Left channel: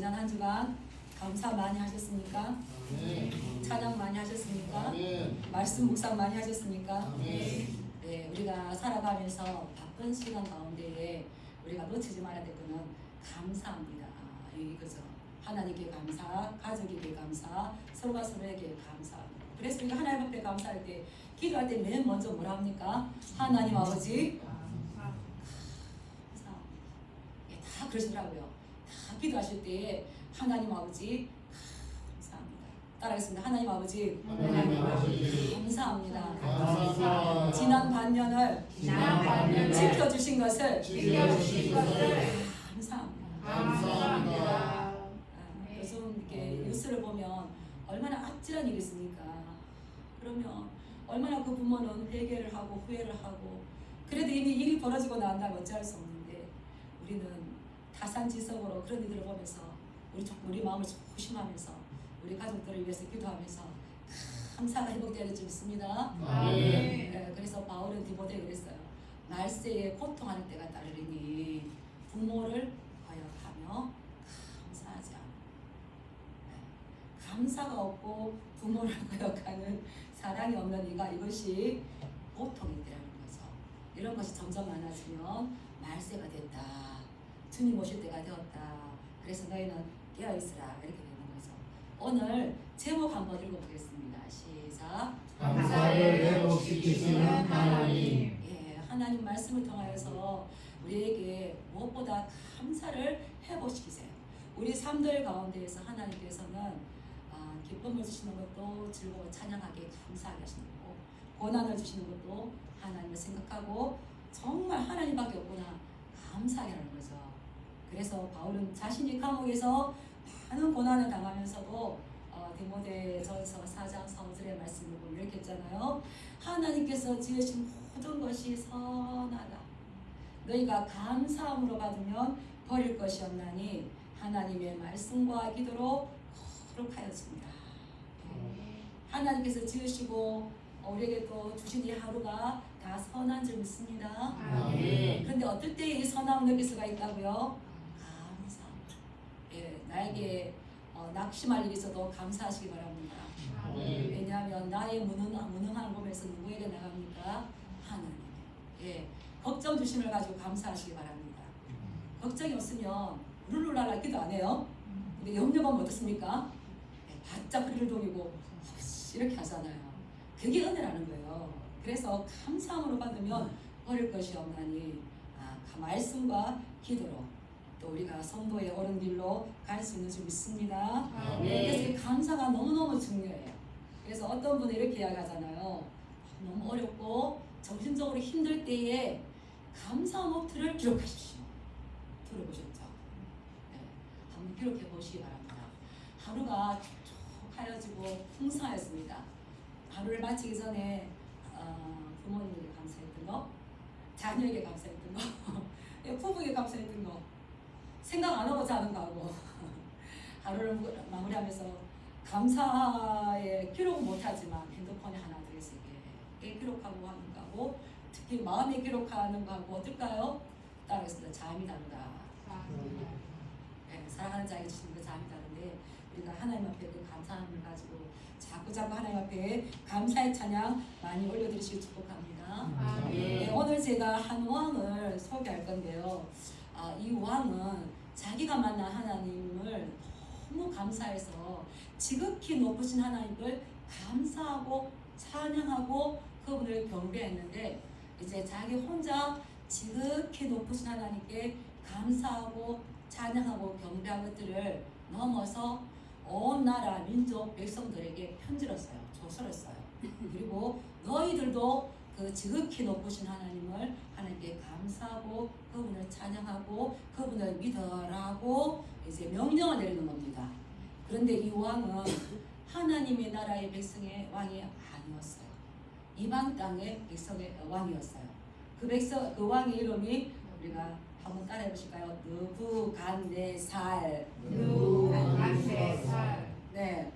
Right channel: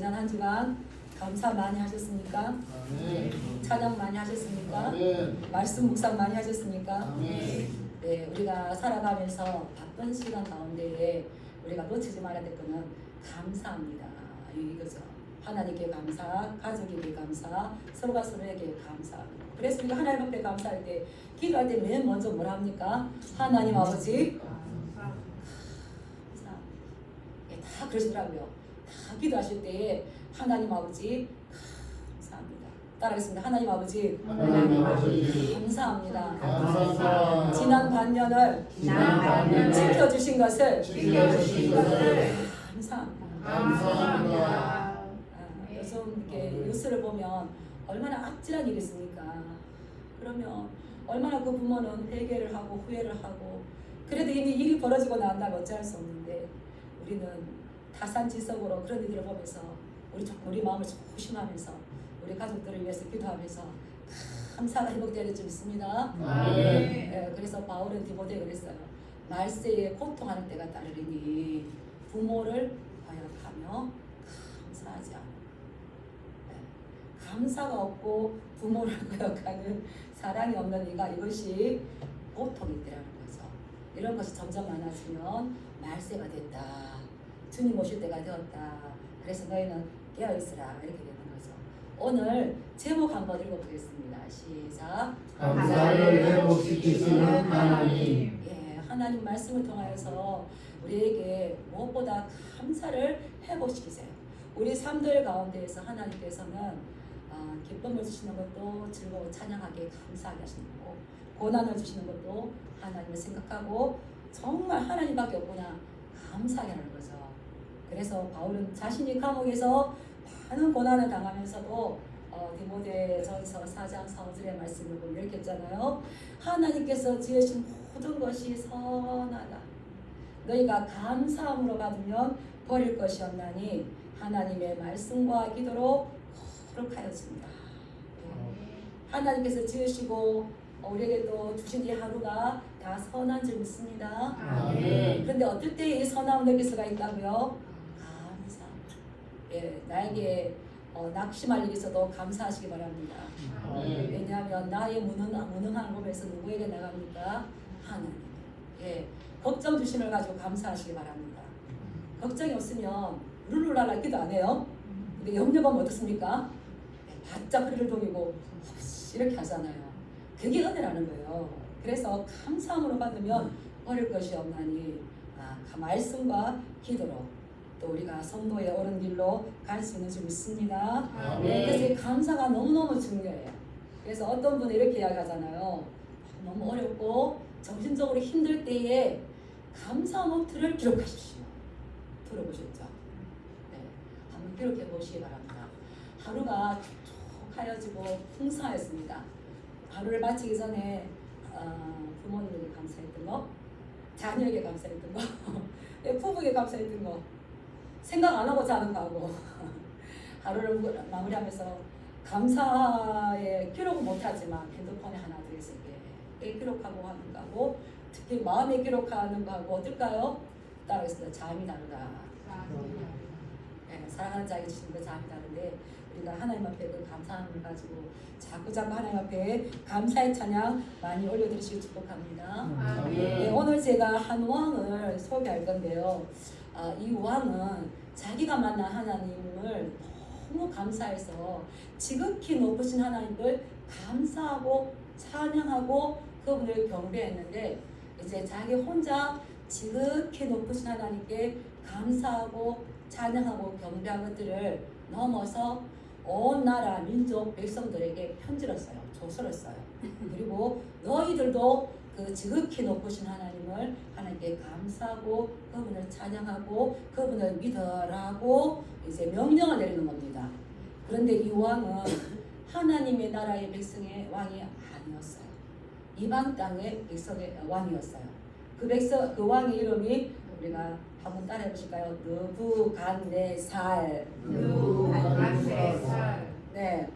지난 한 주간 감사 많이 하셨습니까? 아멘. 찬양 많이 하셨습니까? 아멘. 말씀 묵상 많이 하셨습니까? 아멘. 네, 우리가 살아가면서 바쁜 시간 가운데에 우리가 놓치지 말아야 될 것은 감사합니다. 이거죠. 하나님께 감사, 가족에게 감사, 서로가 서로에게 감사. 그래서 우리가 하나님 앞에 감사할 때, 기도할 때 맨 먼저 뭘 합니까? 하나님 아버지 감사. 네, 다 그러시더라고요. 다 기도하실 때에 하나님 아버지 감사합니다. 따라하겠습니다. 하나님 아버지 하나님 아버지 감사합니다. 감사합니다. 지난 반년을 지켜주신 것을 감사합니다. 감사합니다. 요즘 이렇게 뉴스를 보면 얼마나 악질한 일이 있습니까? 그러면 얼마나 그 부모는 회개를 하고 후회를 하고 그래도 이미 일이 벌어지고 난다면 어찌할 수 없는데 우리는 타산지석으로 그런 일들을 보면서 우리 마음을 조심하면서 우리 가족들을 위해서 기도하면서 감사가 회복되는 줄 믿습니다. 네, 그래서 바울은 디모데에 그랬어요. 말세에 고통하는 때가 따르리니 부모를 거역하며 감사하지 않아. 네, 감사가 없고 부모를 거역하는 사랑이 없는 이가 이것이 고통이 되라는 거죠. 이런 것이 점점 많아지면 말세가 됐다. 주님 오실 때가 되었다. 그래서 너희는 깨어있으라 이렇게 되는 거죠. 오늘 제목 한번 읽어보겠습니다. 시작. 감사를 회복시키시는 하나님. 예, 하나님 말씀을 통하여서 우리에게 무엇보다 감사를 회복시키세요. 우리 삶들 가운데에서 하나님께서는 기쁨을 주시는 것도 즐거워 찬양하게 감사하게 하시는 거고 고난을 주시는 것도 하나님을 생각하고 정말 하나님밖에 없구나 감사하게 하는 거죠. 그래서 바울은 자신이 감옥에서 많은 고난을 당하면서도 디모데전서 4장 4절의 말씀을 보면 이렇게 했잖아요. 하나님께서 지으신 모든 것이 선하다. 너희가 감사함으로 받으면 버릴 것이 없나니 하나님의 말씀과 기도로 거룩하였습니다. 하나님께서 지으시고 우리에게 또 주신 이 하루가 다 선한 줄 믿습니다. 그런데 어떨 때 이 선함을 느낄 수가 있다고요? 감사. 예, 나에게 낙심할 일이 있어도 감사하시기 바랍니다. 왜냐하면 나의 무능한 몸에서 누구에게 나갑니까? 하나님. 예, 걱정 주심을 가지고 감사하시기 바랍니다. 걱정이 없으면 룰루랄라 기도 안 해요. 근데 염려가 어떻습니까? 바짝 허리를 동이고 이렇게 하잖아요. 그게 은혜라는 거예요. 그래서 감사함으로 받으면 버릴 것이 없나니 말씀과 기도로 또 우리가 성도의 옳은 길로 갈 수 있는 줄 믿습니다. 그래서 감사가 너무너무 중요해요. 그래서 어떤 분이 이렇게 이야기하잖아요. 너무 어렵고 정신적으로 힘들 때에 감사 노트를 기록하십시오. 들어보셨죠? 네, 한번 기록해 보시기 바랍니다. 하루가 촉촉하여지고 풍성하였습니다. 하루를 마치기 전에 부모님에게 감사했던 거, 자녀에게 감사했던 거, 부부에게 감사했던 거 생각 안 하고 자는 거하고 하루를 마무리하면서 감사에 기록은 못하지만 핸드폰에 하나 더 있을 때 기록하고 하는 거하고 특히 마음에 기록하는 거하고 어떨까요? 따라하겠습니다. 자음이 다르다. 네, 사랑하는 자에게 주시는 그 자음이 다른데 우리가 하나님 앞에 그 감사함을 가지고 자꾸자꾸 하나님 앞에 감사의 찬양 많이 올려드리시길 축복합니다. 네, 오늘 제가 한 왕을 소개할 건데요. 이 왕은 자기가 만난 하나님을 너무 감사해서 지극히 높으신 하나님을 감사하고 찬양하고 그분을 경배했는데 이제 자기 혼자 지극히 높으신 하나님께 감사하고 찬양하고 경배한 것들을 넘어서 온 나라 민족 백성들에게 편지를 써요. 조서를 써요. 그리고 너희들도 그 지극히 높으신 하나님을 하나님께 감사하고 그분을 찬양하고 그분을 믿으라고 이제 명령을 내리는 겁니다. 그런데 이 왕은 하나님의 나라의 백성의 왕이 아니었어요. 이방 땅의 백성의 왕이었어요. 그 왕의 이름이 우리가 한번 따라해 보실까요? 느부갓네살. 네,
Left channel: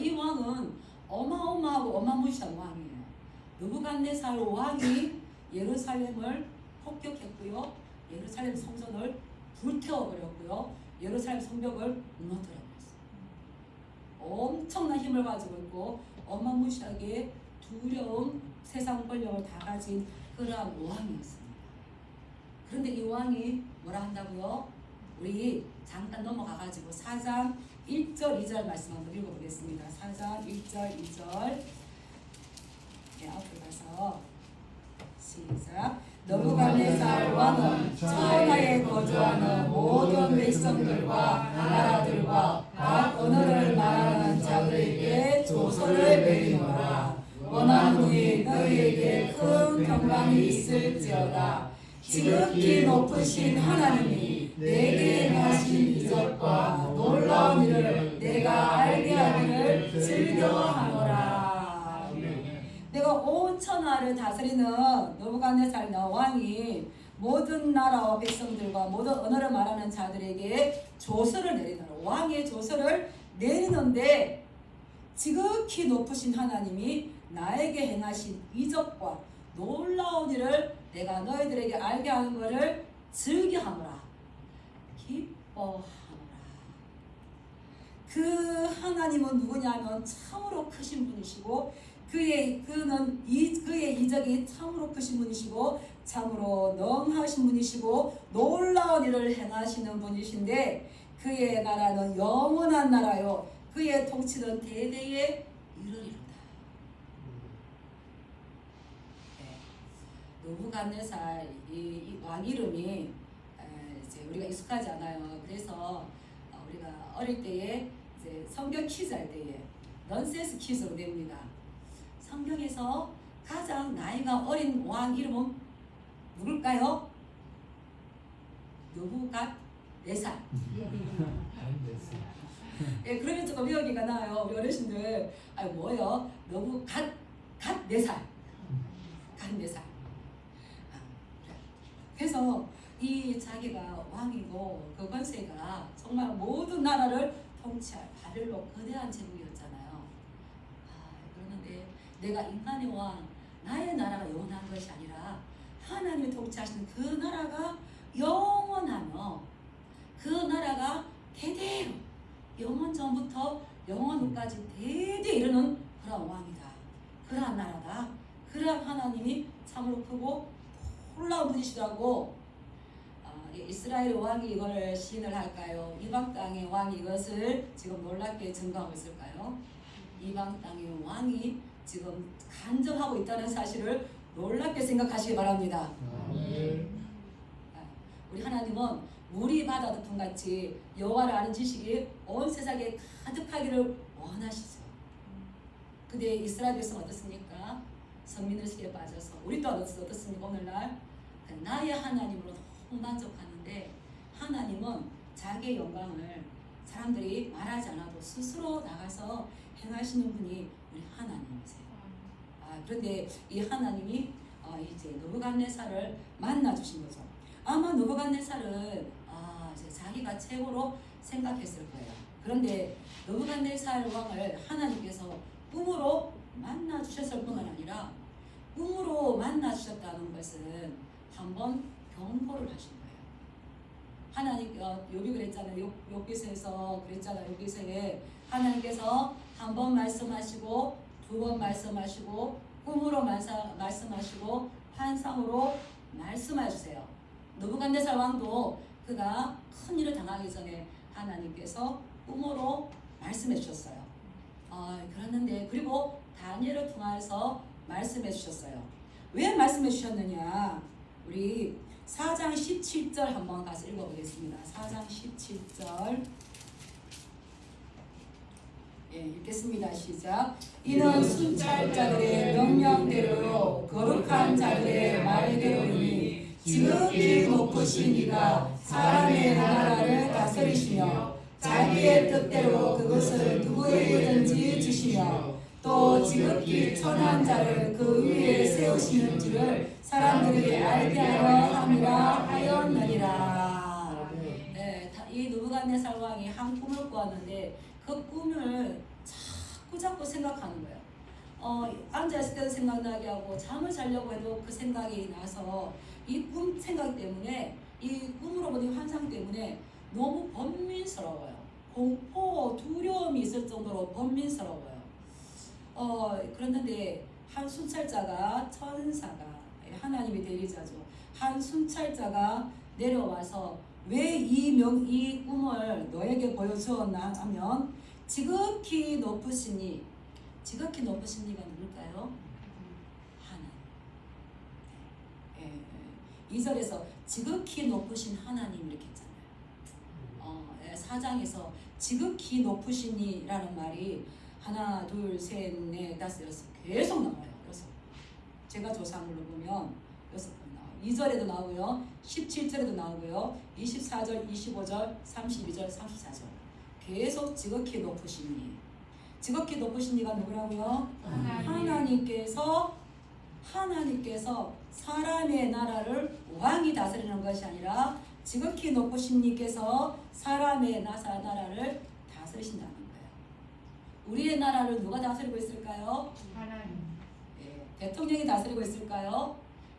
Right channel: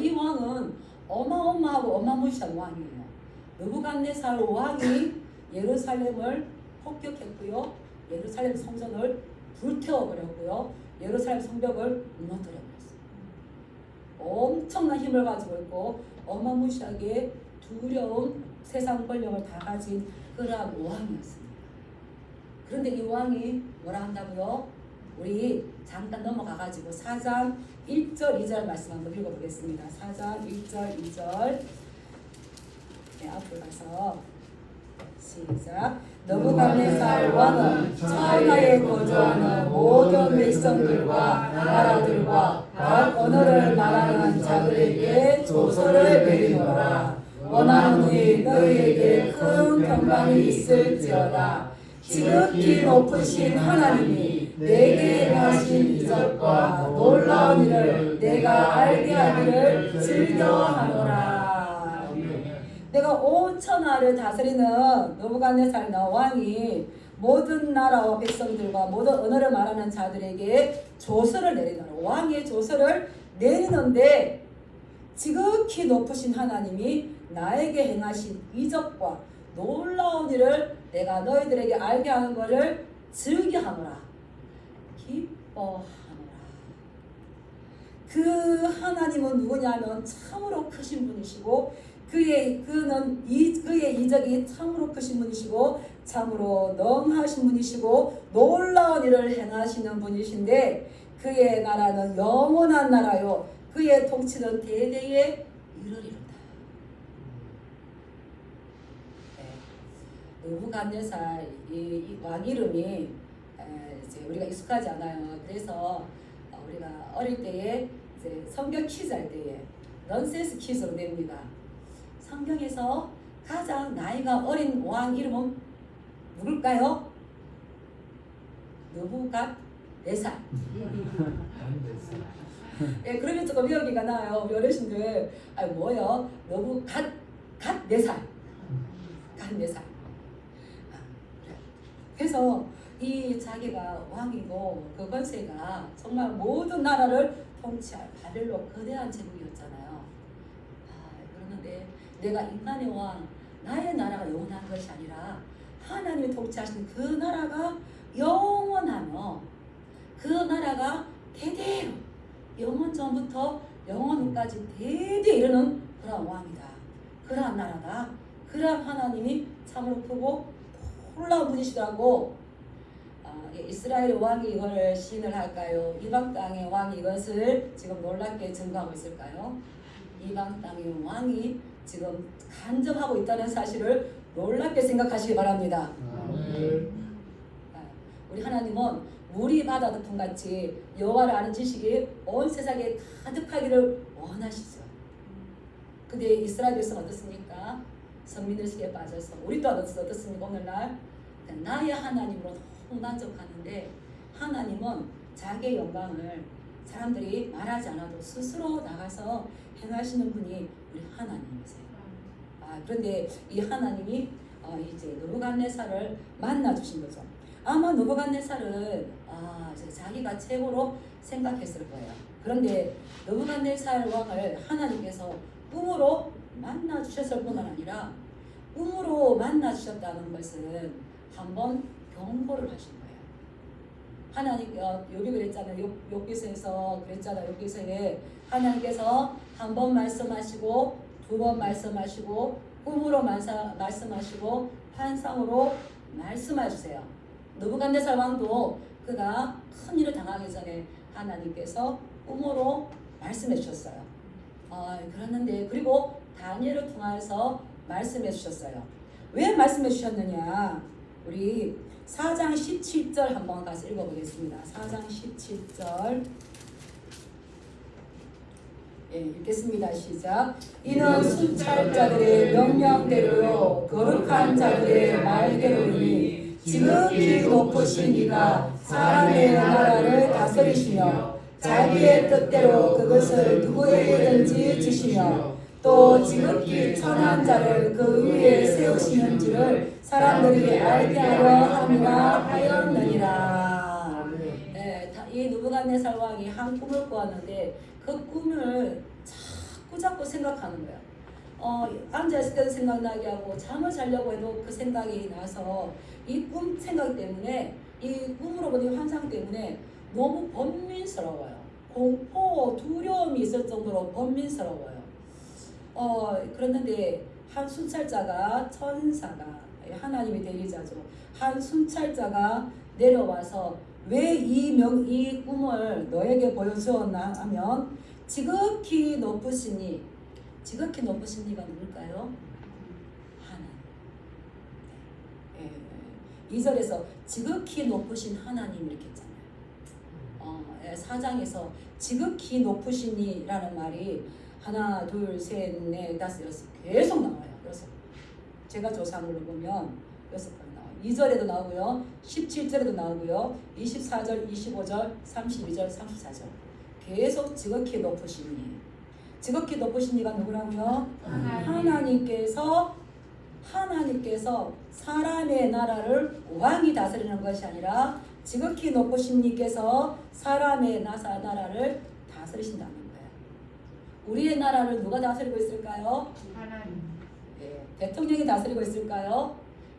이 왕은 어마어마하고 어마무시한 왕이에요. 느부갓네살 왕이 예루살렘을 폭격했고요. 예루살렘 성전을 불태워버렸고요. 예루살렘 성벽을 무너뜨려 버렸어요. 엄청난 힘을 가지고 있고 어마무시하게 두려운 세상 권력을 다 가진 그러한 왕이었습니다. 그런데 이 왕이 뭐라 한다고요? 우리 잠깐 넘어가가지고 4장 1절 2절 말씀 한번 읽어보겠습니다. 4장 1절 2절 네, 앞으로 가서 시작. 느부갓네살 왕은 천하에 거주하는 모든 백성들과 나라들과 각 언어를 말하는 자들에게 조서를 내리노라. 원하노니 너희에게 큰 평강이 있을지어다. 지극히 높으신 하나님이 내게 하신 이적과 놀라운 일을 내가 알게 하기를 즐겨하노라. 내가 온 천하를 다스리는 느부갓네살 왕이 모든 나라와 백성들과 모든 언어를 말하는 자들에게 조서를 내리노라. 왕의 조서를 내리는데 지극히 높으신 하나님이 나에게 행하신 이적과 놀라운 일을 내가 너희들에게 알게 하는 것을 즐겨하노라. 기뻐하노라. 그 하나님은 누구냐면 참으로 크신 분이시고 그의 이적이 참으로 크신 분이시고 참으로 능하신 분이시고 놀라운 일을 행하시는 분이신데 그의 나라는 영원한 나라요 그의 통치는 대대에 이르리로다. 느부갓네살 이 왕 이름이 이제 우리가 익숙하지 않아요. 그래서 우리가 어릴 때에 이제 성경 퀴즈 할 때에 넌센스 퀴즈로 냅니다. 성경에서 가장 나이가 어린 왕 이름은 누굴까요? 느부갓네살. 예, 그러면 조금 미역이가 나요. 우리 어르신들, 아 뭐요? 느부갓네살. 갓네살. 그래서 이 자기가 왕이고 그 권세가 정말 모든 나라를 통치할 바벨론 거대한 제국이었잖아요. 그런데 내가 인간의 왕, 나의 나라가 영원한 것이 아니라 하나님이 통치하시는 그 나라가 영원하며 그 나라가 대대로 영원 전부터 영원 후까지 대대 이르는 그런 왕이다. 그러한 나라다. 그러한 하나님이 참으로 크고 놀라운 분이시더라고. 이스라엘 왕이 이거를 시인을 할까요? 이방 땅의 왕이 이것을 지금 놀랍게 증거하고 있을까요? 이방 땅의 왕이 지금 간접하고 있다는 사실을 놀랍게 생각하시기 바랍니다. 우리 하나님은 물이 바다 덮음같이 여호와를 아는 지식이 온 세상에 가득하기를 원하시죠. 근데 이스라엘 백성 어떻습니까? 선민들 속에 빠져서 우리 또한 어떻습니까? 오늘날 나의 하나님으로 너무 만족하는데 하나님은 자기의 영광을 사람들이 말하지 않아도 스스로 나가서 행하시는 분이 우리 하나님이세요. 그런데 이 하나님이 이제 느부갓네살을 만나 주신 거죠. 아마 느부갓네살은 자기가 최고로 생각했을 거예요. 그런데 느부갓네살 왕을 하나님께서 꿈으로 만나 주셨을 뿐만 아니라 꿈으로 만나 주셨다는 것은 한번 경고를 하신 거예요. 하나님 여기 그랬잖아요. 욥기서에서 그랬잖아요. 욥기서에 하나님께서 한 번 말씀하시고 두 번 말씀하시고 꿈으로 말씀하시고 환상으로 말씀하주세요. 느부갓네살 왕도 그가 큰 일을 당하기 전에 하나님께서 꿈으로 말씀해 주셨어요. 그랬는데 그리고 다니엘을 통해서 말씀해 주셨어요. 왜 말씀해 주셨느냐? 우리 4장 17절 한번 가서 읽어보겠습니다. 4장 17절 읽겠습니다. 시작. 이는 순찰 자들의 명령대로요 거룩한 자들의 말대로니 지극히 높으신 이가 사람의 나라를 다스리시며 자기의 뜻대로 그것을 누구에게든지 주시며 또 지극히 천한 자를 그 위에 세우시는지를 사람들이 알게 하려 함이라 하였느니라. 이 느부갓네살 왕이 한 꿈을 꾸었는데 그 꿈을 자꾸 생각하는 거예요. 앉아있을 때도 생각나게 하고 잠을 자려고 해도 그 생각이 나서 이 꿈 생각 때문에 이 꿈으로 보는 환상 때문에 너무 번민스러워요. 공포, 두려움이 있을 정도로 번민스러워요. 그랬는데 한 순찰자가 천사가 하나님의 대리자죠. 한 순찰자가 내려와서 왜 이 꿈을 너에게 보여주었나 하면 지극히 높으시니가 누굴까요? 하나님. 2절에서 지극히 높으신 하나님 이렇게 했잖아요. 4장에서 지극히 높으시니라는 말이 하나, 둘, 셋, 넷, 다섯, 여섯 계속 나와요. 여섯. 제가 조사를 보면 6번 나와요. 2절에도 나오고요. 17절에도 나오고요. 24절, 25절, 32절, 34절. 계속 지극히 높으시니. 지극히 높으시니가 누구라고요? 하나님께서 사람의 나라를 왕이 다스리는 것이 아니라 지극히 높으신님께서 사람의 나라를 다스리신다는 거예요. 우리의 나라를 누가 다스리고 있을까요? 하나님. 대통령이 다스리고 있을까요?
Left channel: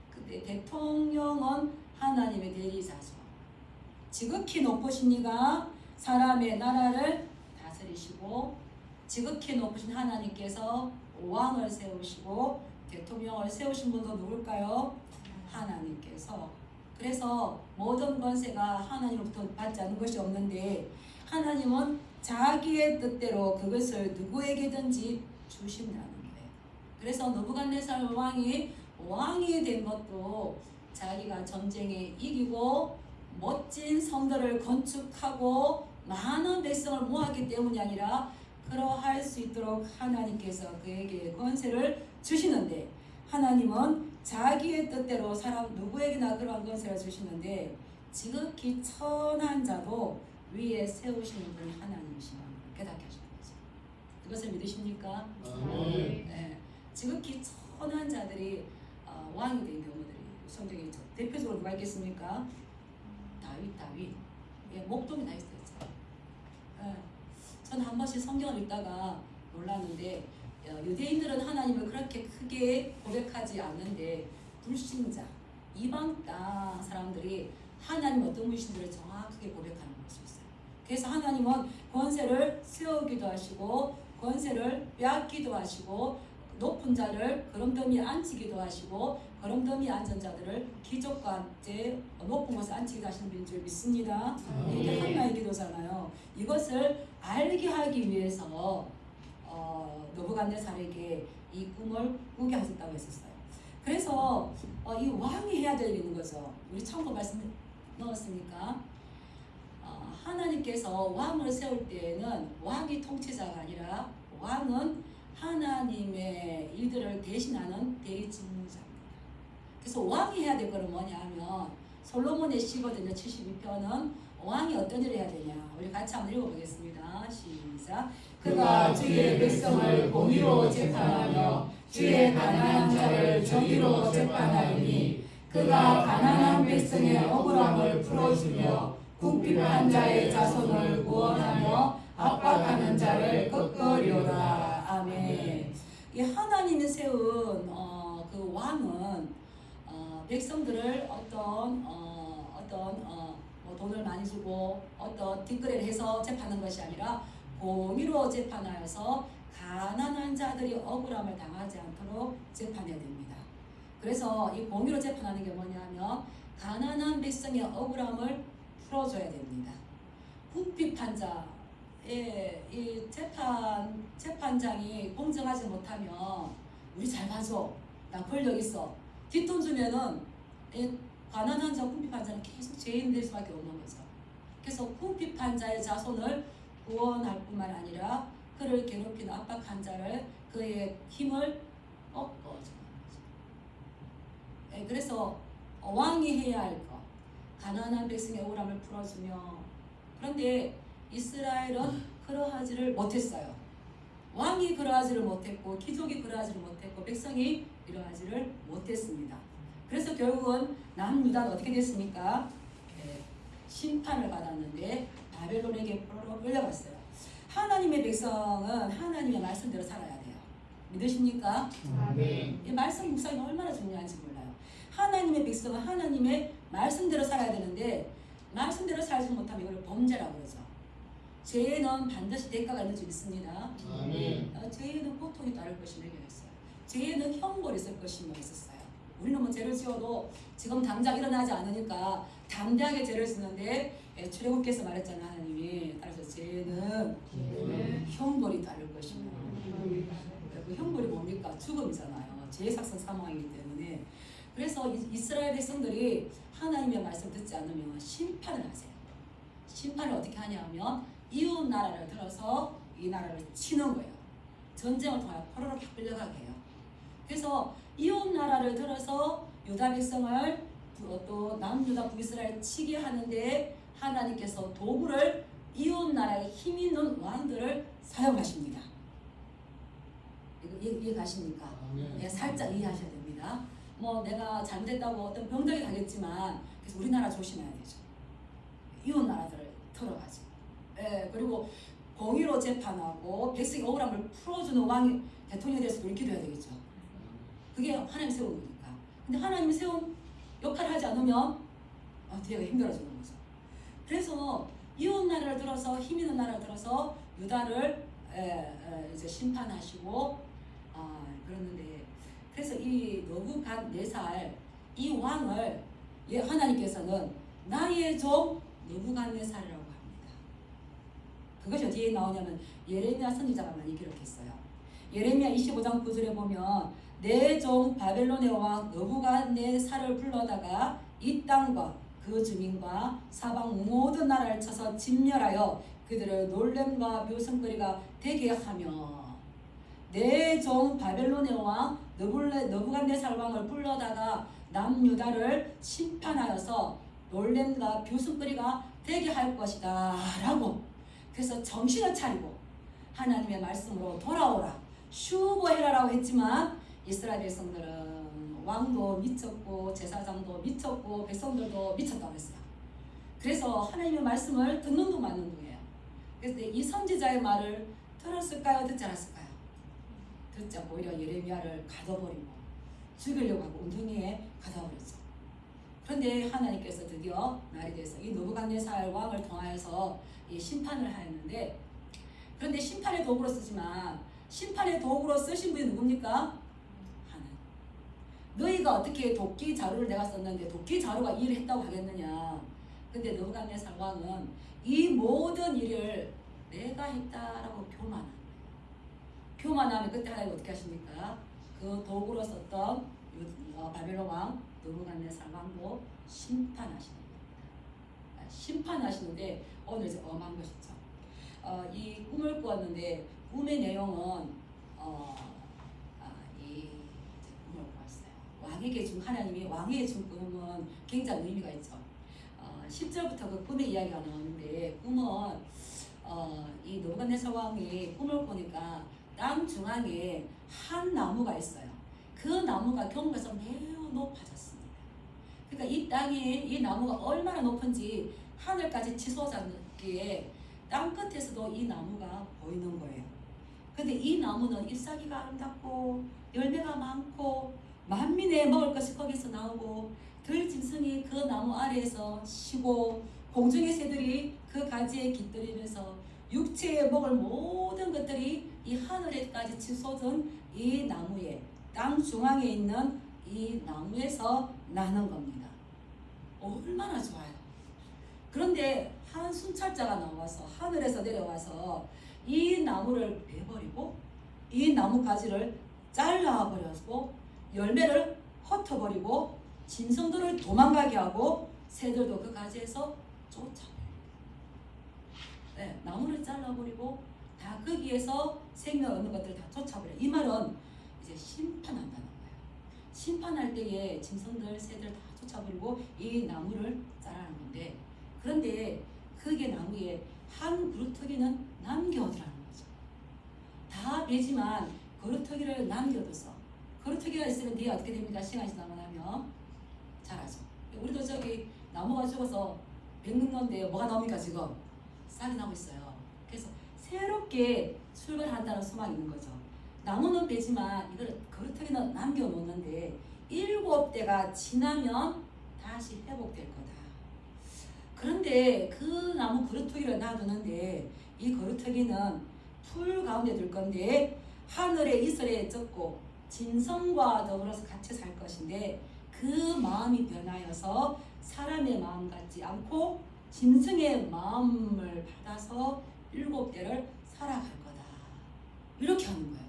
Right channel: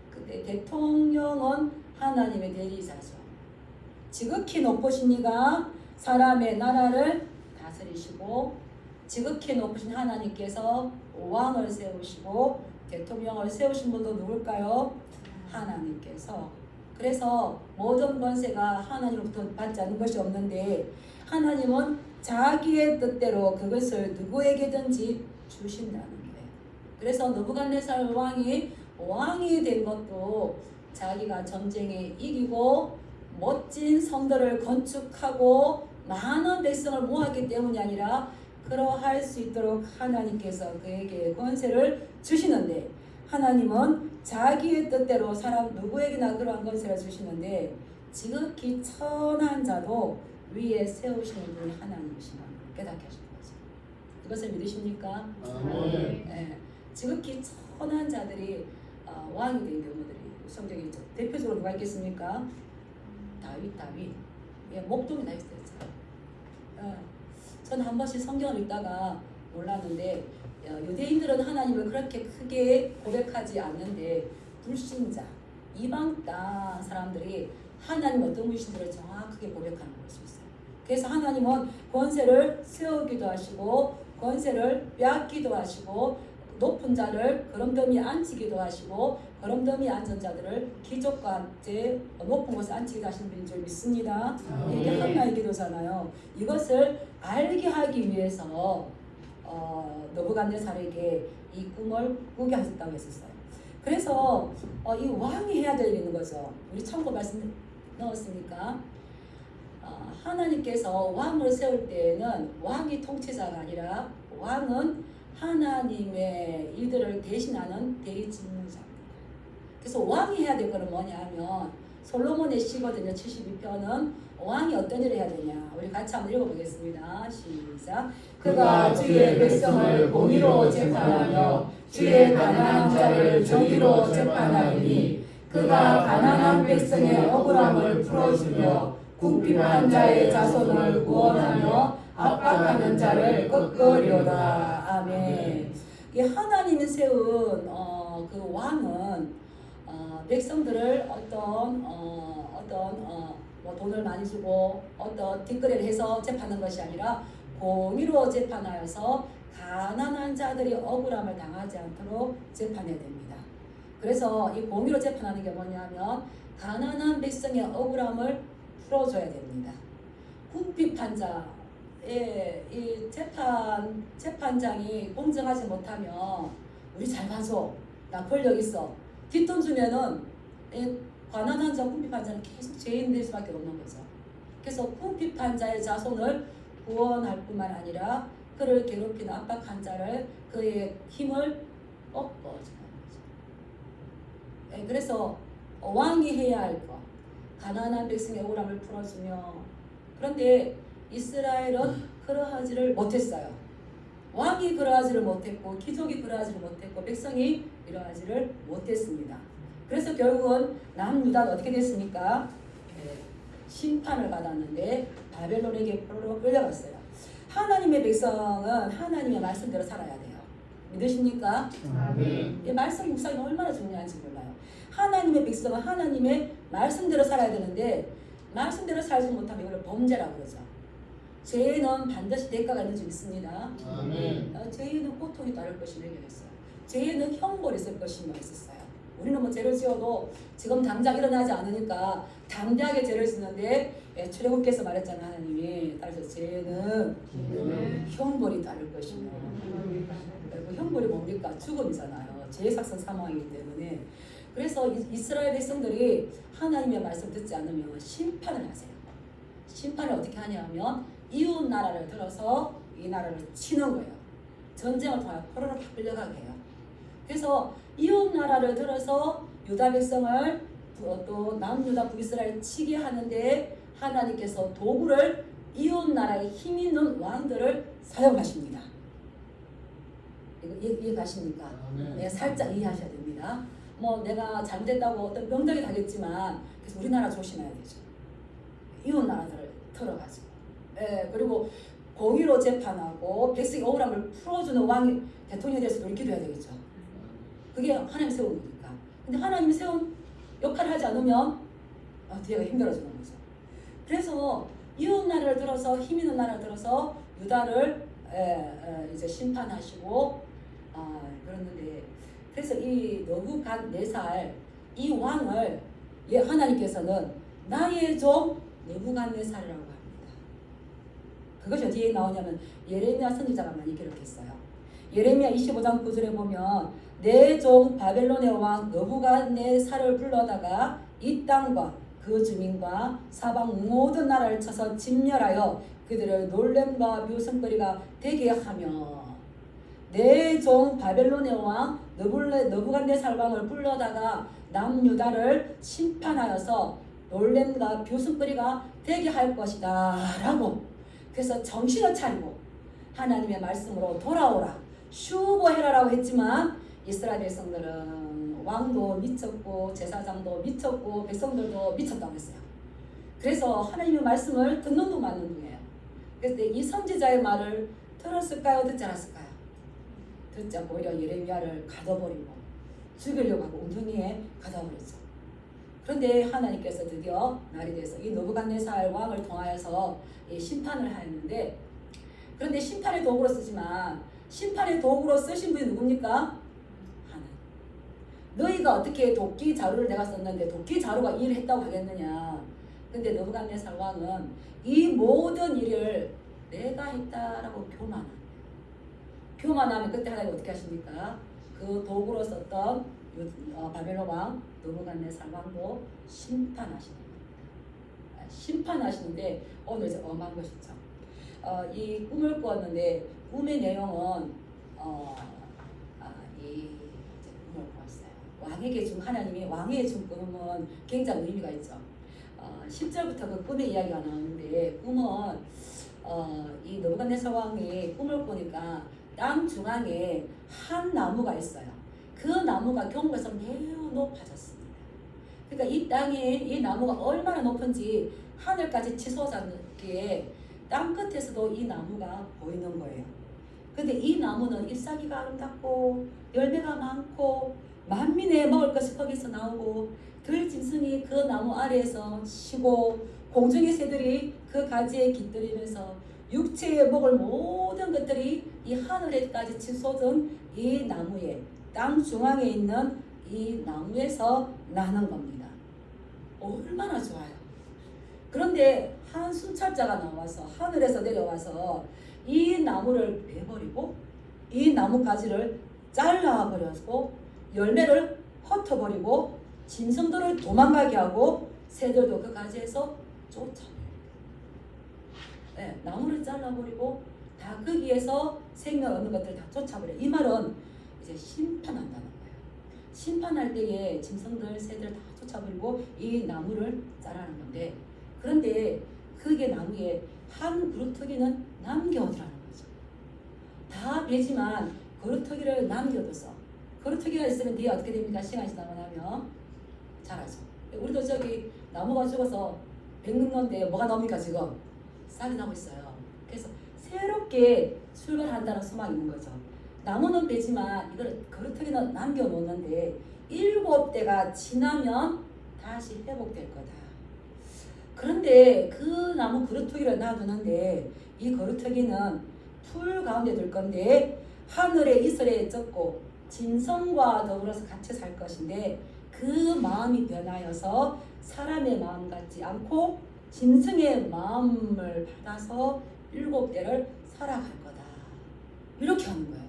근데 대통령은 하나님의 대리자죠. 지극히 높으신 이가 사람의 나라를 다스리시고 지극히 높으신 하나님께서 왕을 세우시고 대통령을 세우신 분도 누굴까요? 하나님께서. 그래서 모든 권세가 하나님으로부터 받지 않는 것이 없는데 하나님은 자기의 뜻대로 그것을 누구에게든지 주신다는 거예요. 그래서 느부갓네살 왕이 된 것도 자기가 전쟁에 이기고 멋진 성들을 건축하고 많은 백성을 모았기 때문이 아니라 그러할 수 있도록 하나님께서 그에게 권세를 주시는데 하나님은 자기의 뜻대로 사람 누구에게나 그러한 권세를 주시는데 지극히 천한 자도 위에 세우시는 분이 하나님이시라는 걸 깨닫게 하시는 거죠. 이것을 믿으십니까? 지극히 천한 자들이 왕이 된 경우들이 성경에 있죠. 대표적으로 누가 있겠습니까? 다윗. 목동이 다 있어요. 저는 한 번씩 성경을 읽다가 몰랐는데 유대인들은 하나님을 그렇게 크게 고백하지 않는데 불신자, 이방 땅 사람들이 하나님 어떤 분이신지를 정확하게 고백하는 걸 수 있어요. 그래서 하나님은 권세를 세우기도 하시고 권세를 빼앗기도 하시고 높은 자를 거름더미 앉히기도 하시고 거름더미 앉은 자들을 기적과 함께 높은 곳에 앉히게 하시는 분인 줄 믿습니다. 이게 하나의 기도잖아요. 이것을 알게 하기 위해서 느부갓네살에게 이 꿈을 꾸게 하셨다고 했었어요. 그래서 이 왕이 해야 될 일이 있는 거죠. 우리 참고 말씀 넣었으니까 하나님께서 왕을 세울 때에는 왕이 통치자가 아니라 왕은 하나님의 일들을 대신하는 대리직무자입니다. 그래서 왕이 해야 될 것은 뭐냐 하면 솔로몬의 시거든요. 72편은 왕이 어떤 일을 해야 되냐. 우리 같이 한번 읽어보겠습니다. 시작. 그가 주의 백성을 공의로 재판하며 주의 가난한 자를 정의로 재판하리니 그가 가난한 백성의 억울함을 풀어주며 궁핍한 자의 자손을 구원하며 압박하는 자를 꺾으리로다. 아멘. 이 하나님이 세운 그 왕은 백성들을 뭐 돈을 많이 주고 어떤 뒷거래를 해서 재판하는 것이 아니라 공의로 재판하여서 가난한 자들이 억울함을 당하지 않도록 재판해야 됩니다. 그래서 이 공의로 재판하는 게 뭐냐면 가난한 백성의 억울함을 풀어줘야 됩니다. 궁핍한 자의 이 재판장이 공정하지 못하면 우리 잘 봐줘, 나 권력 있어, 뒷돈 주면은 가난한 자, 궁핍한 자는 계속 죄인 될 수밖에 없는 거죠. 그래서 궁핍한 자의 자손을 구원할 뿐만 아니라 그를 괴롭히는 압박한 자를 그의 힘을 꺾어주는 거죠. 그래서 왕이 해야 할 것, 가난한 백성의 억울함을 풀어주며, 그런데 이스라엘은 그러하지를 못했어요. 왕이 그러하지를 못했고 귀족이 그러하지를 못했고 백성이 이러하지를 못했습니다. 그래서 결국은 남유다는 어떻게 됐습니까? 심판을 받았는데 바벨론에게 끌려갔어요. 하나님의 백성은 하나님의 말씀대로 살아야 돼요. 믿으십니까? 이 말씀 묵상이 얼마나 중요한지 몰라요. 하나님의 백성은 하나님의 말씀대로 살아야 되는데 말씀대로 살지 못하면 이걸 범죄라고 그러죠. 죄는 반드시 대가가 있는 줄 믿습니다. 죄에는 고통이 따를 것이 명령했어요. 죄에는 형벌이 있을 것이 명령했었어요. 우리는 뭐 죄를 지어도 지금 당장 일어나지 않으니까 담대하게 죄를 짓는데 출애굽께서 말했잖아요. 하나님이 따라서 죄는 형벌이 따를 것이며 그 형벌이 뭡니까? 죽음이잖아요. 죄의 삭선 사망이기 때문에. 그래서 이스라엘 백성들이 하나님의 말씀 듣지 않으면 심판을 하세요. 심판을 어떻게 하냐면 이웃 나라를 들어서 이 나라를 치는 거예요. 전쟁을 통하여 포로로 확 끌려가게 해요. 그래서 이웃 나라를 들어서 유다 백성을 또 남유다 북이스라엘 치게 하는데 하나님께서 도구를 이웃 나라의 힘 있는 왕들을 사용하십니다. 이해가십니까? 네, 살짝 이해하셔야 됩니다. 뭐 내가 잘못했다고 어떤 명당이 가겠지만 그래서 우리나라 조심해야 되죠. 이웃 나라들을 털어가죠. 예, 그리고 공의로 재판하고 백성의 억울함을 풀어주는 왕이 대통령에 대해서 우리 기도해야 되겠죠. 그게 하나님 세운 거니까. 근데 하나님이 세운 역할을 하지 않으면 뒤에가 힘들어지는 거죠. 그래서 이웃 나라를 들어서 힘 있는 나라를 들어서 유다를 이제 심판하시고 그러는데 그래서 이 느부갓네살 이 왕을 하나님께서는 나의 종 느부갓네살이라고 합니다. 그것이 어디에 나오냐면 예레미야 선지자가 많이 기록했어요. 예레미야 25장 9절에 보면 내 종 바벨론의 왕 느부갓네살을 불러다가 이 땅과 그 주민과 사방 모든 나라를 쳐서 진멸하여 그들을 놀램과 묘성거리가 되게 하며 내 종 바벨론의 왕 느부갓네살 왕을 불러다가 남유다를 심판하여서 놀램과 뷰승거리가 되게 할 것이다 라고. 그래서 정신을 차리고 하나님의 말씀으로 돌아오라 슈보해라 라고 했지만 이스라엘 백성들은 왕도 미쳤고 제사장도 미쳤고 백성들도 미쳤다고 했어요. 그래서 하나님의 말씀을 듣는 둥 마는 둥이에요. 그래서 이 선지자의 말을 들었을까요? 듣지 않았을까요? 듣지 않고 오히려 예레미야를 가둬버리고 죽이려고 하고 웅덩이에 가둬버렸죠. 그런데 하나님께서 드디어 날이 돼서 이 느부갓네살 왕을 통하여서 심판을 하였는데, 그런데 심판의 도구로 쓰지만 심판의 도구로 쓰신 분이 누굽니까? 하나님. 너희가 어떻게 도끼 자루를 내가 썼는데 도끼 자루가 이 일을 했다고 하겠느냐. 근데 느부갓네살 왕은 이 모든 일을 내가 했다라고 교만하면 그때 하나님 어떻게 하십니까? 그 도구로 썼던 바벨론 왕 느부갓네살 왕도 심판하시는데 오늘 이제 엄한 것이죠. 이 꿈을 꾸었는데 꿈의 내용은 이 꿈을 꾸었어요. 왕에게 준 하나님이 왕에게 준 꿈은 굉장히 의미가 있죠. 10절부터 그 꿈의 이야기가 나오는데 꿈은 이 느부갓네살 왕이 꿈을 꾸니까 땅 중앙에 한 나무가 있어요. 그 나무가 경배에서 매우 높아졌습니다. 그러니까 이 땅에 이 나무가 얼마나 높은지 하늘까지 치솟았기에 땅 끝에서도 이 나무가 보이는 거예요. 근데 이 나무는 잎사귀가 아름답고 열매가 많고 만민의 먹을 것이 거기서 나오고 들짐승이 그 나무 아래에서 쉬고 공중의 새들이 그 가지에 깃들이면서 육체에 먹을 모든 것들이 이 하늘에까지 치솟은 이 나무에 땅 중앙에 있는 이 나무에서 나는 겁니다. 얼마나 좋아요. 그런데 한 순찰자가 나와서 하늘에서 내려와서 이 나무를 베버리고 이 나무 가지를 잘라버려서 열매를 흩어버리고 짐승들을 도망가게 하고 새들도 그 가지에서 쫓아버려요. 네, 나무를 잘라버리고 다 거기에서 생명 얻는 것들 다 쫓아버려요. 이 말은 이제 심판한다는 거예요. 심판할 때에 짐승들, 새들 다 쫓아버리고 이 나무를 자라는 건데, 그런데 그게 나무에 한 그루터기는 남겨두라는 거죠. 다 베지만 그루터기를 남겨둬서 그루터기가 있으면 뒤에 어떻게 됩니까? 시간이 지나고 나면 자라죠. 우리도 저기 나무가 죽어서 뱉는 건데 뭐가 나옵니까? 지금 싹이 나고 있어요. 그래서 새롭게 출발한다는 소망이 있는 거죠. 나무는 되지만 이걸 그루터기는 남겨놓는데 7대가 지나면 다시 회복될 거다. 그런데 그 나무 거루터기를 놔두는데 이 거루터기는 풀 가운데 둘 건데 하늘의 이슬에 젖고 짐승과 더불어서 같이 살 것인데 그 마음이 변하여서 사람의 마음 같지 않고 짐승의 마음을 받아서 7대를 살아갈 거다. 이렇게 하는 거예요.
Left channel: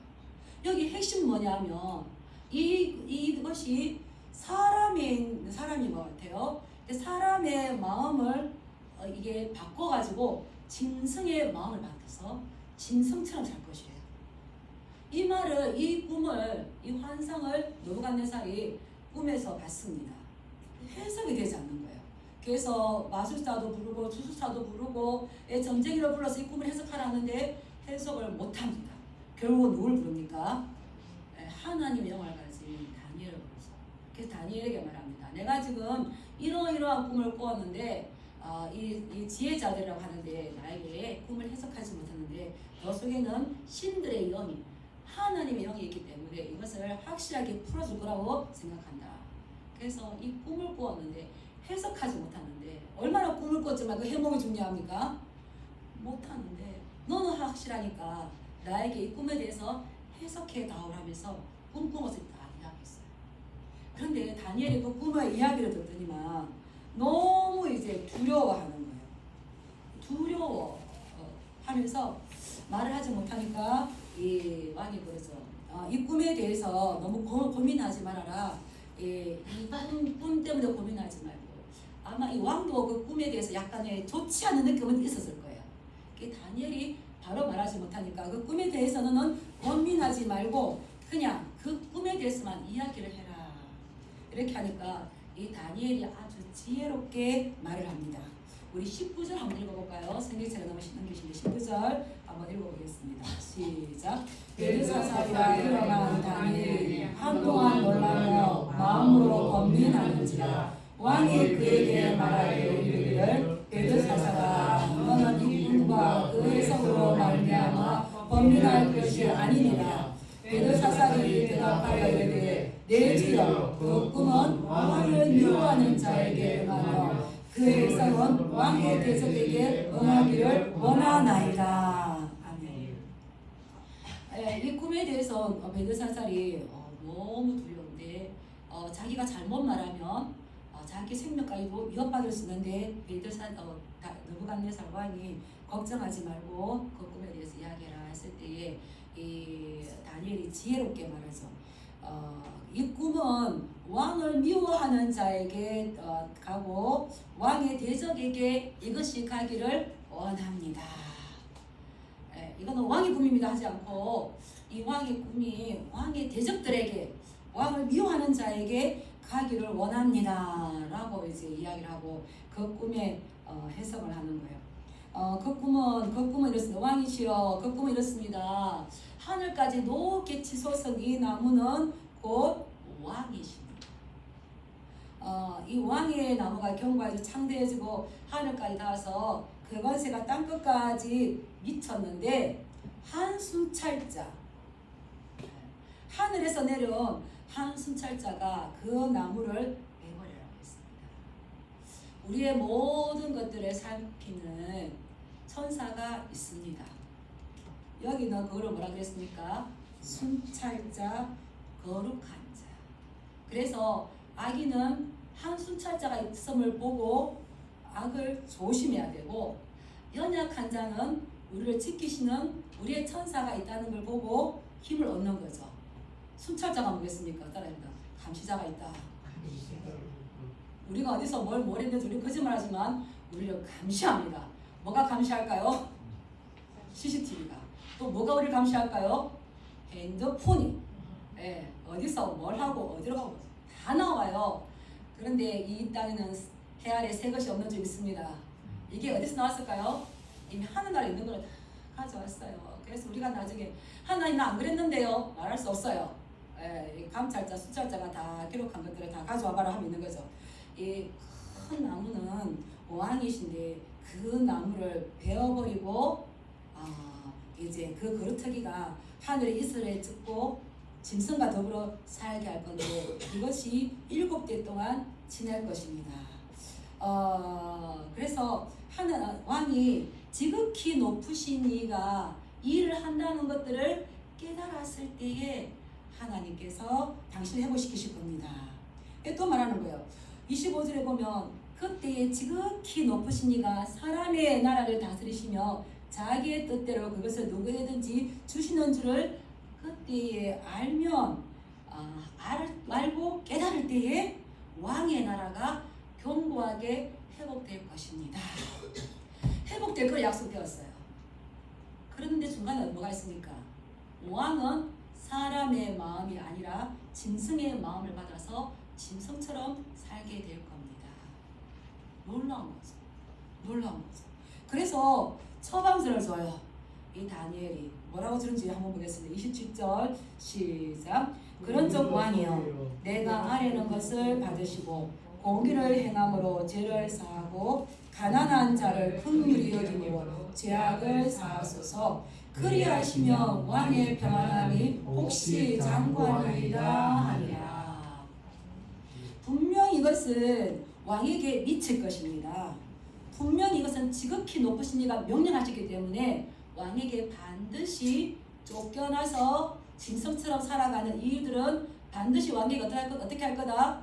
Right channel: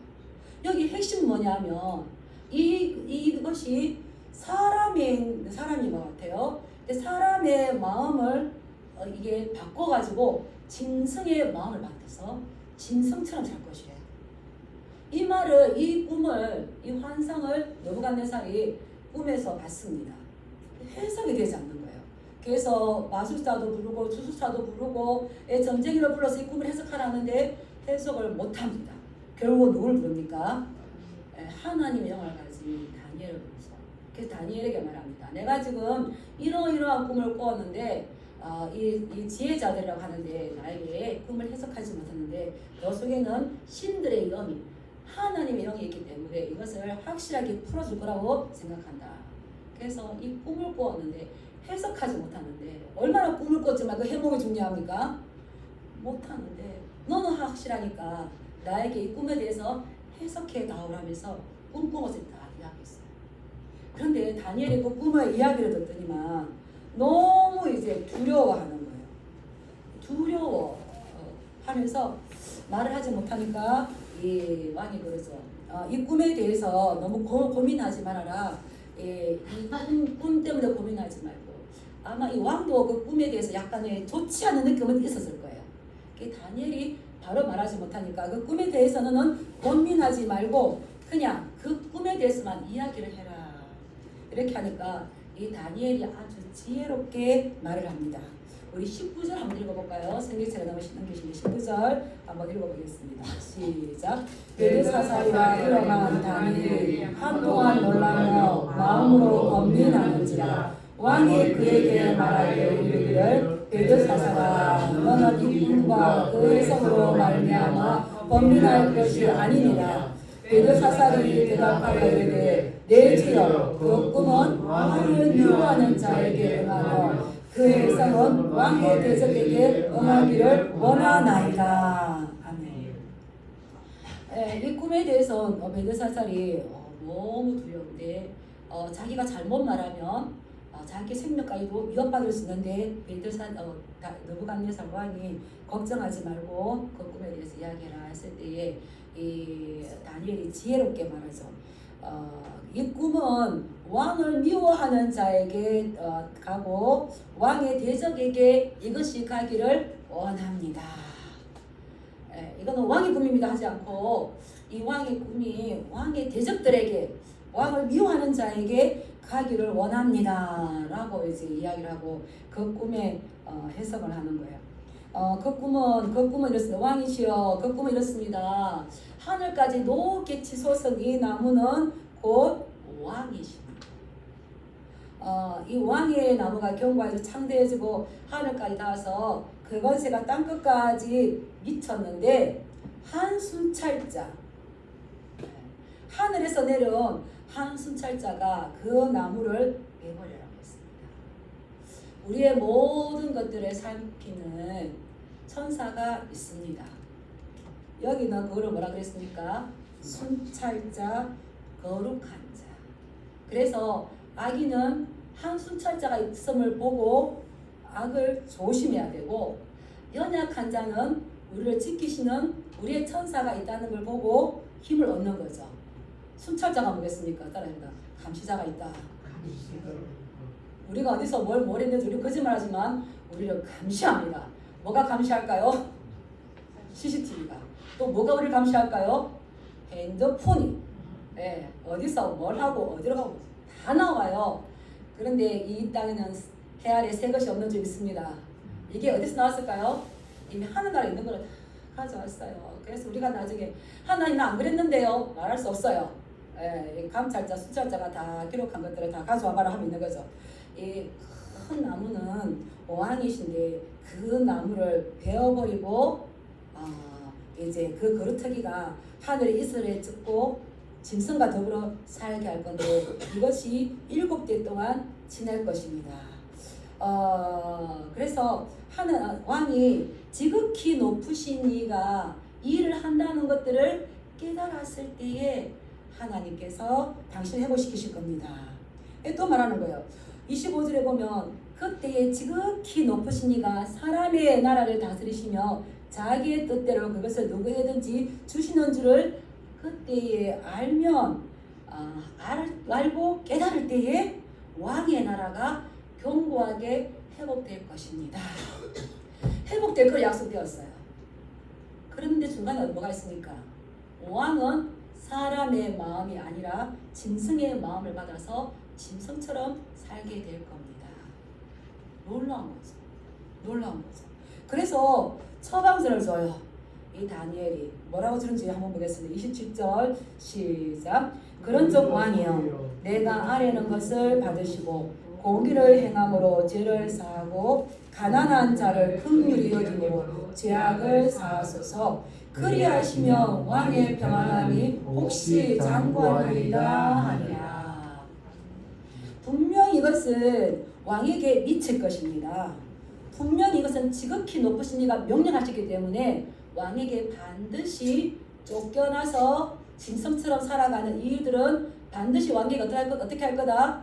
여기 핵심 뭐냐면 이것이 사람이 뭐 같아요? 사람의 마음을 이게 바꿔가지고 짐승의 마음을 받아서 짐승처럼 살 것이래요. 이 말을, 이 꿈을, 이 환상을 느부갓네살이 꿈에서 봤습니다. 해석이 되지 않는 거예요. 그래서 마술사도 부르고 주술사도 부르고 점쟁이를 불러서 이 꿈을 해석하라는데 해석을 못합니다. 결국은 누굴 부릅니까? 하나님의 영을 가진 다니엘을 부르죠. 그래서 다니엘에게 말합니다. 내가 지금 이러이러한 꿈을 꾸었는데 이 지혜자들이라고 하는데 나에게 꿈을 해석하지 못했는데 너 속에는 신들의 영이 하나님의 영이 있기 때문에 이것을 확실하게 풀어줄 거라고 생각한다. 그래서 이 꿈을 꾸었는데 해석하지 못하는데 얼마나 꿈을 꿨지만 그 해몽이 중요합니까? 못하는데 너는 확실하니까 나에게 이 꿈에 대해서 해석해 나오라면서 꿈꾼 것을 다 이야기했어요. 그런데 다니엘이 그 꿈의 이야기를 듣더니만 너무 이제 두려워하는 거예요. 두려워하면서 말을 하지 못하니까 이 왕이 그러죠. 이 꿈에 대해서 너무 고민하지 말아라. 이 꿈 때문에 고민하지 말고 아마 이 왕도 그 꿈에 대해서 약간의 좋지 않은 느낌은 있었을 거예요. 다니엘이 바로 말하지 못하니까 그 꿈에 대해서는 고민하지 말고 그냥 그 꿈에 대해서만 이야기를 해라. 이렇게 하니까 이 다니엘이 아주 지혜롭게 말을 합니다. 우리 19절 한번 읽어볼까요? 생기체가 넘기시는 19절 한번 읽어보겠습니다. 시작. 벨드사살이라 일어난 다니엘이 한동안 놀라며 마음으로 고민하는지라 왕이 그에게 말하여 이르기를 벨드사살아 너는 이 꿈과 그 해석으로 말미암아 범민할 것이 아니니라. 벨드사살이 대답하여 이르되 내 주여 그 꿈은 왕을 미워하는 자에게 응하며 그 해석은 왕의 대적에게 응하기를 원하나이다. 아멘. 이 꿈에 대해서 벨드사살이 너무 두려운데 자기가 잘못 말하면 자기 생명까지도 위협받을 수 있는데 느부갓네살 왕이 걱정하지 말고 그 꿈에 대해서 이야기해라 했을 때에 이 다니엘이 지혜롭게 말하죠. 이 꿈은 왕을 미워하는 자에게 가고 왕의 대적에게 이것이 가기를 원합니다. 이거는 왕의 꿈입니다 하지 않고 이 왕의 꿈이 왕의 대적들에게 왕을 미워하는 자에게 가기를 원합니다 라고 이제 이야기를 하고 그 꿈에 해석을 하는 거예요. 그 꿈은 이렇습니다. 왕이시여 그 꿈은 이렇습니다. 하늘까지 높게 치솟은 이 나무는 곧 왕이십니다. 이 왕의 나무가 경과에서 창대해지고 하늘까지 닿아서 그 권세가 땅끝까지 미쳤는데 한순찰자 하늘에서 내려온 한순찰자가 그 나무를 내버리라고 했습니다. 우리의 모든 것들을 삼키는 천사가 있습니다. 여기는 그거를 뭐라 그랬습니까? 순찰자, 거룩한 자. 그래서 악인은 한 순찰자가 있음을 보고 악을 조심해야 되고 연약한 자는 우리를 지키시는 우리의 천사가 있다는 걸 보고 힘을 얻는 거죠. 순찰자가 뭐겠습니까? 따라합니다. 감시자가 있다. 우리가 어디서 뭘 했는지 우리 거짓말하지만 우리를 감시합니다. 뭐가 감시할까요? CCTV가. 또 뭐가 우리를 감시할까요? 핸드폰이. 어디서 뭘 하고 어디로 가고 다 나와요. 그런데 이 땅에는 해 아래 새 것이 없는 줄 믿습니다. 이게 어디서 나왔을까요? 이미 하늘나라에 있는 걸 가져왔어요. 그래서 우리가 나중에 하나님 나 안 그랬는데요 말할 수 없어요. 감찰자, 수찰자가 다 기록한 것들을 다 가져와 봐라 하면 있는 거죠. 이 큰 나무는 왕이신데 그 나무를 베어버리고 이제 그 거루터기가 하늘에 이슬에 ጭ고 짐승과 더불어 살게 할 건데 이것이 7대 동안 지날 것입니다. 그래서 하는 왕이 지극히 높으신 이가 일을 한다는 것들을 깨달았을 때에 하나님께서 당신을 회복시키실 겁니다. 또 말하는 거예요. 25절에 보면 그때에 지극히 높으신 이가 사람의 나라를 다스리시며 자기의 뜻대로 그것을 누구에게든지 주시는 줄을 그때에 알면 알고 깨달을 때에 왕의 나라가 견고하게 회복될 것입니다. 회복될 걸 약속되었어요. 그런데 중간에 뭐가 있습니까? 왕은 사람의 마음이 아니라 짐승의 마음을 받아서 짐승처럼 살게 될 겁니다. 놀라운 거죠. 놀라운 거죠. 그래서 처방전을 줘요. 이 다니엘이 뭐라고 주는지 한번 보겠습니다. 27절 시작. 그런즉 왕이여 내가 아뢰는 것을 받으시고 공의를 행함으로 죄를 사하고 가난한 자를 긍휼히 여김으로 죄악을 사하소서. 그리하시면 왕의 평안함이 혹시 장관이리라 하니라. 분명히 이것은 왕에게 미칠 것입니다. 분명히 이것은 지극히 높으신 이가 명령하셨기 때문에 왕에게 반드시 쫓겨나서 짐승처럼 살아가는 이 일들은 반드시 왕에게 어떻게 할 거다?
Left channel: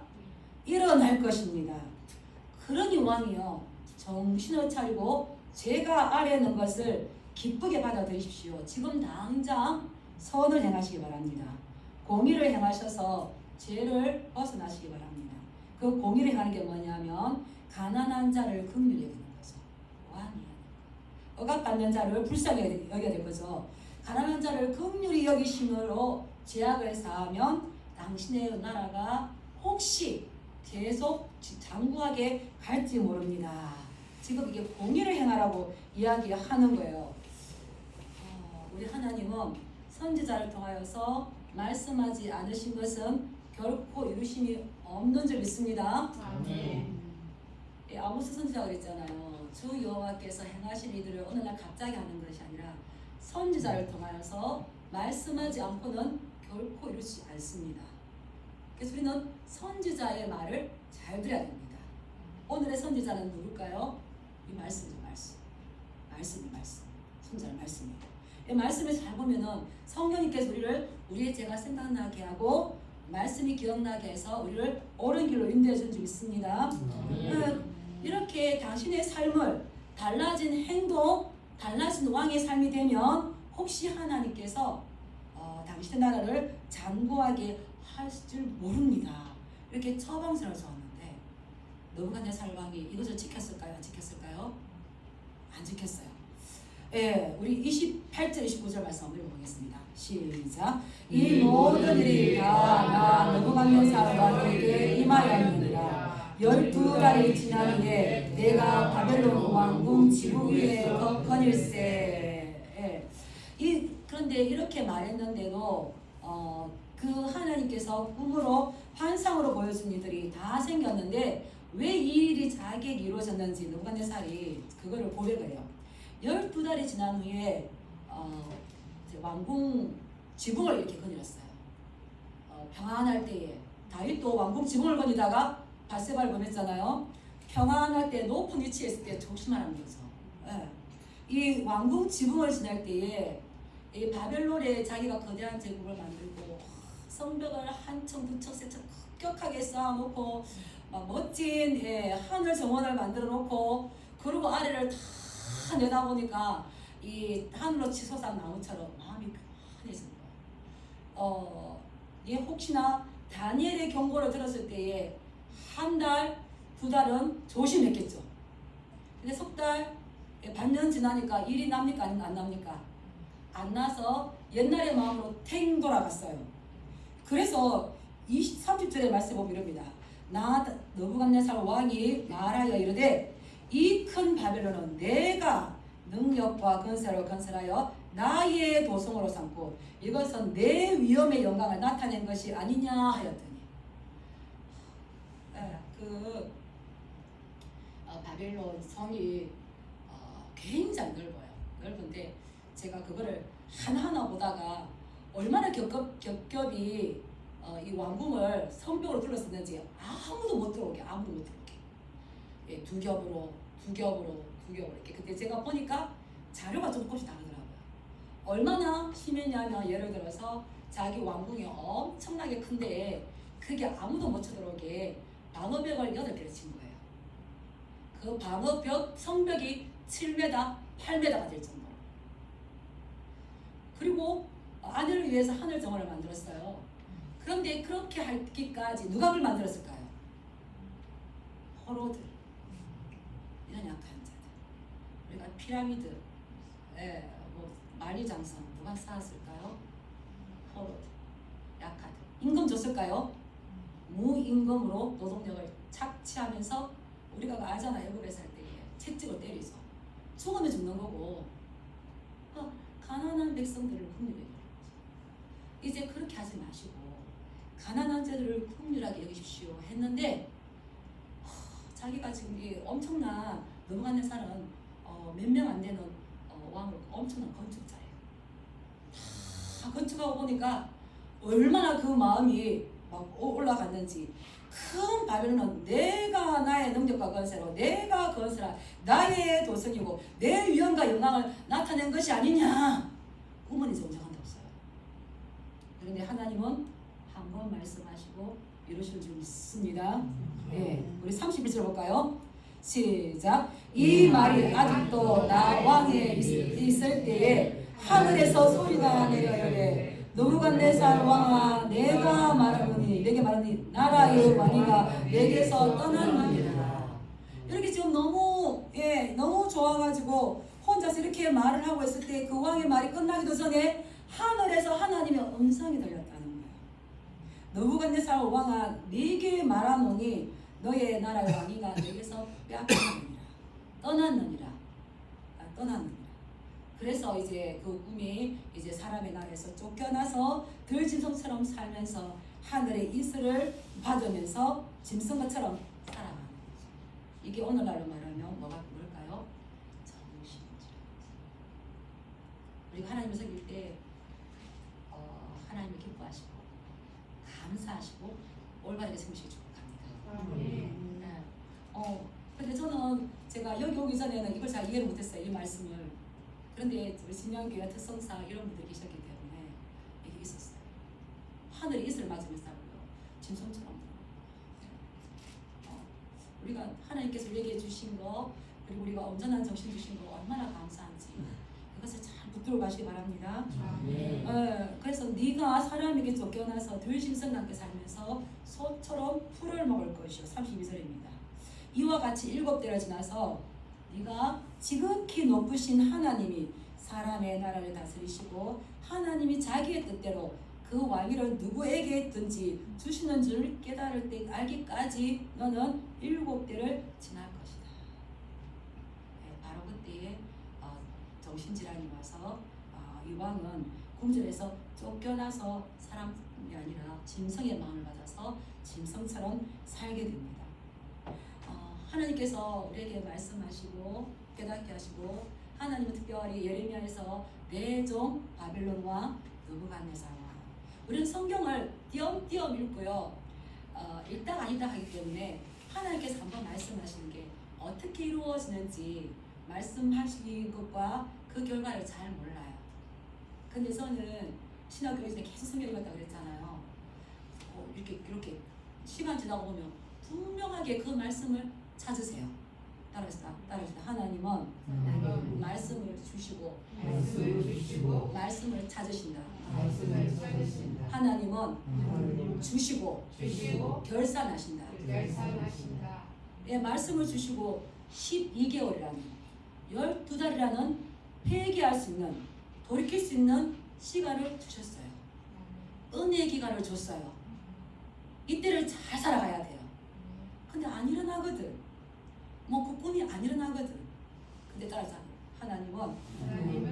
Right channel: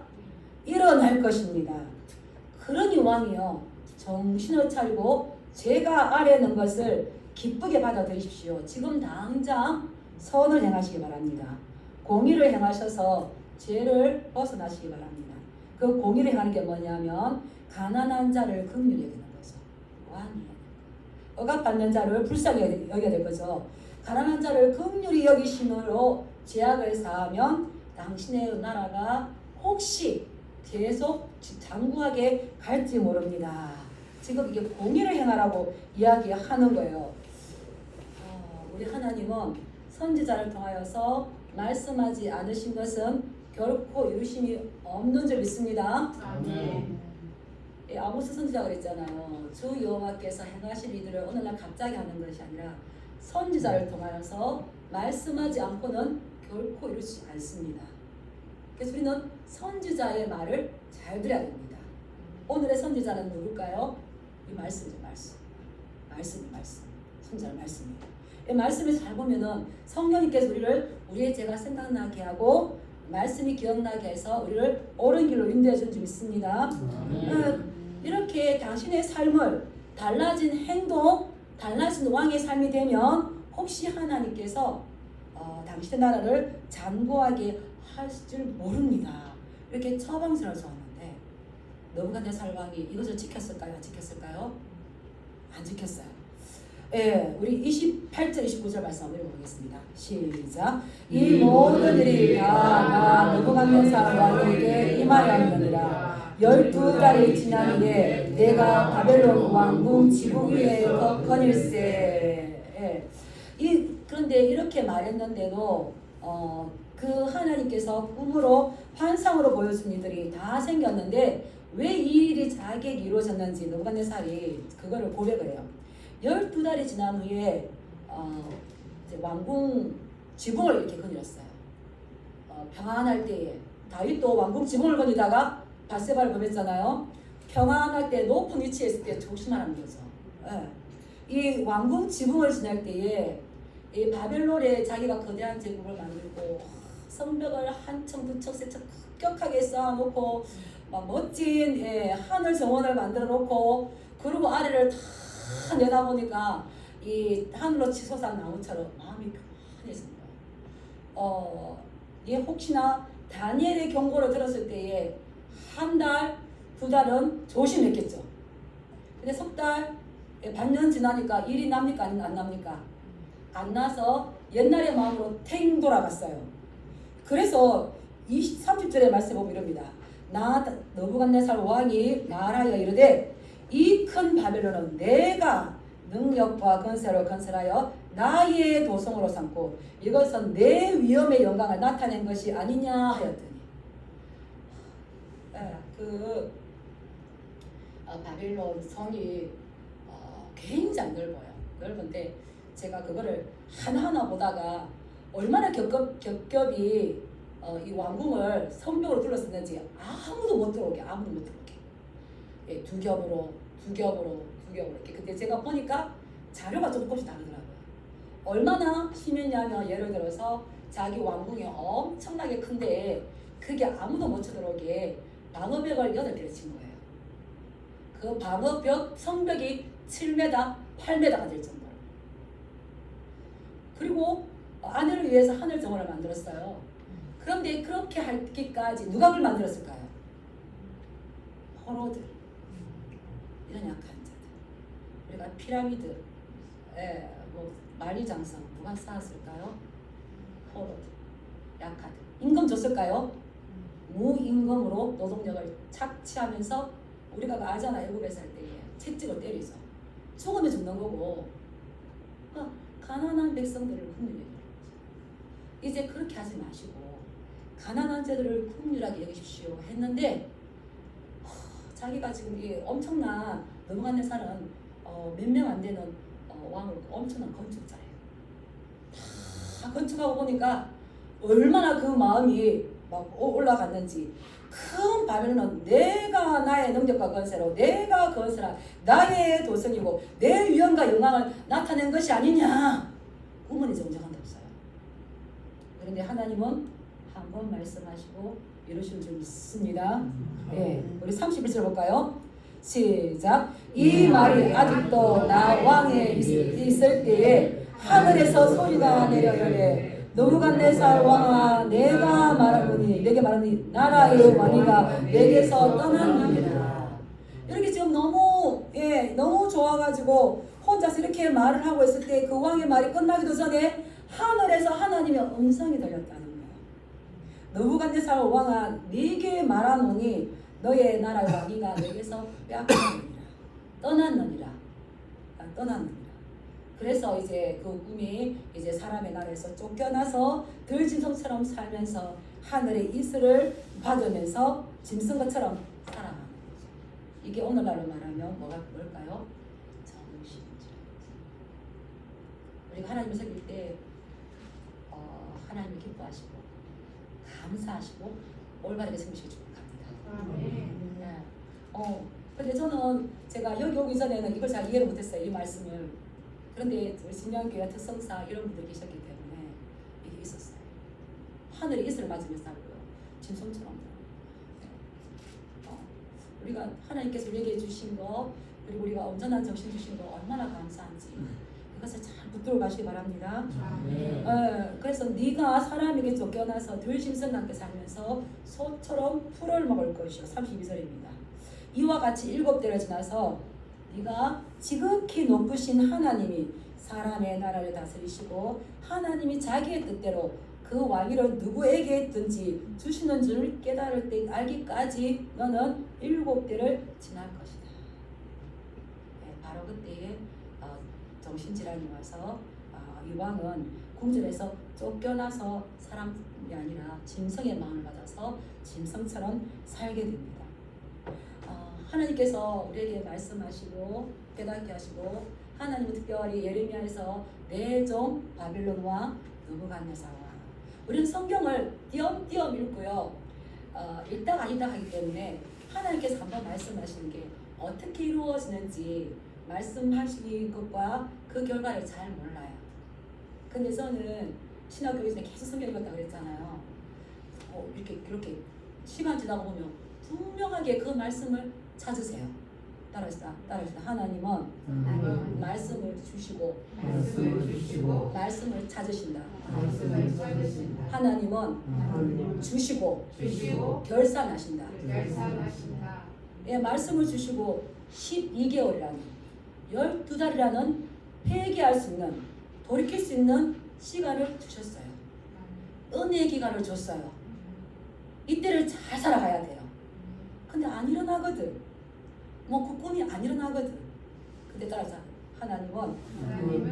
일어날 것입니다. 그러니 왕이요 정신을 차리고 제가 아뢰는 것을 기쁘게 받아들이십시오. 지금 당장 선을 행하시기 바랍니다. 공의를 행하셔서 죄를 벗어나시기 바랍니다. 그 공의를 행하는 게 뭐냐면 가난한 자를 긍휼히 여기는 거죠. 왕이 억압받는 자를 불쌍히 여겨야 될 거죠. 가난한 자를 긍휼히 여기심으로 죄악을 사하면 당신의 나라가 혹시 계속 장구하게 갈지 모릅니다. 지금 이게 공의를 행하라고 이야기하는 거예요. 우리 하나님은 선지자를 통하여서 말씀하지 않으신 것은 결코 이루심이 없는 줄 믿습니다. 아멘. 아모스 선지자가 그랬잖아요. 주 여호와께서 행하실 일들을 어느 날 갑자기 하는 것이 아니라 선지자를 통하여서 말씀하지 않고는 결코 이루지 않습니다. 그래서 우리는 선지자의 말을 잘 들어야 됩니다. 오늘의 선지자는 누굴까요? 이 말씀이죠. 말씀. 선지자의 말씀입니다. 이 말씀을 잘 보면은 성령님께서 우리의 죄가 생각나게 하고 말씀이 기억나게 해서 우리를 옳은 길로 인도해 준 줄 믿습니다. 이렇게 당신의 삶을 달라진 행동, 달라진 왕의 삶이 되면 혹시 하나님께서 당신의 나라를 장구하게 하실 줄 모릅니다. 이렇게 처방전을 줬는데 느부갓네살 왕이 이것을 지켰을까요? 안 지켰어요. 예, 우리 28절 29절 말씀 한번 읽어보겠습니다. 시작. 이 모든 일이 다 나 느부갓네살 왕에게 임하였느니라. 12달이 지난 후에 내가 바벨론 왕궁 지붕 위에 거닐세. 그런데 이렇게 말했는데도 그 하나님께서 꿈으로 환상으로 보여준 이들이 다 생겼는데 왜 이 일이 자기에게 이루어졌는지 느부갓네살이 그거를 고백을 해요. 12달이 지난 후에 이제 왕궁 지붕을 이렇게 거닐었어요. 평안할 때에 다윗도 왕궁 지붕을 거니다가 밧세바를 범했잖아요. 평안할 때 높은 위치에 있을 때 조심하라는 거죠. 예. 이 왕궁 지붕을 지날 때에 이 바벨론에 자기가 거대한 제국을 만들고 성벽을 한 층, 두 층, 세 층 급격하게 쌓아놓고 막 멋진 하늘 정원을 만들어 놓고 그리고 아래를 다 내다보니까 이 하늘로 치솟은 나무처럼 마음이 편해집니다. 혹시나 다니엘의 경고를 들었을 때에 한 달, 두 달은 조심했겠죠. 근데 석 달, 반년 지나니까 일이 납니까? 안 납니까? 안 나서 옛날의 마음으로 탱 돌아갔어요. 그래서 30절의 말씀 보면 이럽니다. 나 느부갓네살 왕이 말하여 이르되 이 큰 바벨론은 내가 능력과 건세로 건설하여 나의 도성으로 삼고 이것은 내 위엄의 영광을 나타낸 것이 아니냐 하였더니 바벨론 성이 굉장히 넓은데 제가 그거를 하나하나 보다가 얼마나 겹겹이 이 왕궁을 성벽으로 둘러쌌는지 아무도 못 들어오게. 예, 두 겹으로 이렇게. 근데 제가 보니까 자료가 조금씩 다르더라고요. 얼마나 심했냐면 예를 들어서 자기 왕궁이 엄청나게 큰데 그게 아무도 못 쳐들어오게 방어벽을 8개를 친 거예요. 그 방어벽 성벽이 7m, 8m가 될 정도로. 그리고 아내를 위해서 하늘 정원을 만들었어요. 그런데 그렇게 하기까지 누가 그걸 만들었을까요? 포로들, 이런 약한 자들. 우리가 피라미드, 뭐 만리장성 누가 쌓았을까요? 포로들, 약하들. 임금 줬을까요? 무임금으로 노동력을 착취하면서 우리가 아잖아. 애국에 살 때 채찍을 때리죠. 죽으면 죽는 거고. 그러니까 가난한 백성들을 국민에게 이제 그렇게 하지 마시고 가난한 자들을 국민이라고 여기십시오 했는데 자기가 지금 이 엄청난 넘어가는 사람 몇 명 안 되는 왕을 엄청난 건축자예요. 다 건축하고 보니까 얼마나 그 마음이 막 올라갔는지 큰 발언은 내가 나의 능력과 건세로 내가 건설한 나의 도성이고 내 위엄과 영광을 나타낸 것이 아니냐 후문이 정정한다 없어요. 그런데 하나님은 한 번 말씀하시고 이루실 줄 믿습니다. 우리 31절 볼까요? 시작. 이 말이 아직도 나 왕에 있을 때에 하늘에서 소리가 내려오되 느부갓네살 왕아 내가 말하노니 내게 말하니 나라의 왕이가 내게서 떠났느니라. 이렇게 지금 너무 좋아가지고 혼자서 이렇게 말을 하고 있을 때 그 왕의 말이 끝나기도 전에 하늘에서 하나님의 음성이 들렸다는 거예요. 느부갓네살 왕아 네게 말하노니 너의 나라의 왕이가 내게서 빼앗겼느니라. 떠났느니라. 그래서 이제 그 꿈이 이제 사람의 나라에서 쫓겨나서 들짐승처럼 살면서 하늘의 이슬을 받으면서 짐승것처럼 살아가는 거죠. 이게 오늘날로 말하면 뭘까요? 정신이죠. 우리가 하나님을 섬길 때 하나님을 기뻐하시고 감사하시고 올바르게 섬기시길 축복합니다. 근데 저는 제가 여기 오기 전에는 이걸 잘 이해를 못했어요. 이 말씀을. 그런데 우리 신양교회 특성사 이런 분들이 계셨기 때문에 이게 있었어요. 하늘에 이슬을 맞으면서 살고요. 짐승처럼. 우리가 하나님께서 우리에게 주신 거 그리고 우리가 온전한 정신 주신 거 얼마나 감사한지 그것을 잘 붙들어 가시기 바랍니다. 그래서 네가 사람에게 쫓겨나서 들짐승과 함께 살면서 소처럼 풀을 먹을 것이요. 32절입니다. 이와 같이 7대를 지나서 네가 지극히 높으신 하나님이 사람의 나라를 다스리시고 하나님이 자기의 뜻대로 그 왕위를 누구에게든지 주시는 줄 깨달을 때 알기까지 너는 7대를 지날 것이다. 바로 그때에 정신질환이 와서 이 왕은 궁전에서 쫓겨나서 사람이 아니라 짐승의 마음을 받아서 짐승처럼 살게 됩니다. 하나님께서 우리에게 말씀하시고 깨닫게 하시고 하나님은 특별히 예레미야에서 내 종 바빌론 왕 느부갓네살 왕 우리는 성경을 띄엄띄엄 읽고요. 읽다가 아니다 하기 때문에 하나님께서 한번 말씀하시는 게 어떻게 이루어지는지 말씀하신 것과 그 결과를 잘 몰라요. 근데 저는 신학교에서 계속 성경 읽었다고 그랬잖아요. 이렇게 시간 지나고 보면 분명하게 그 말씀을 찾으세요. 따라합시다. 하나님은 말씀을 주시고 말씀을 찾으신다. 하나님은 주시고 결산하신다. 말씀을 주시고 12개월이라는 12달이라는 회개할 수 있는 돌이킬 수 있는 시간을 주셨어요. 은혜의 기간을 줬어요. 이때를 잘 살아가야 돼요. 근데 안 일어나거든. 그 꿈이 안 일어나거든. 근데 따라서 하나님은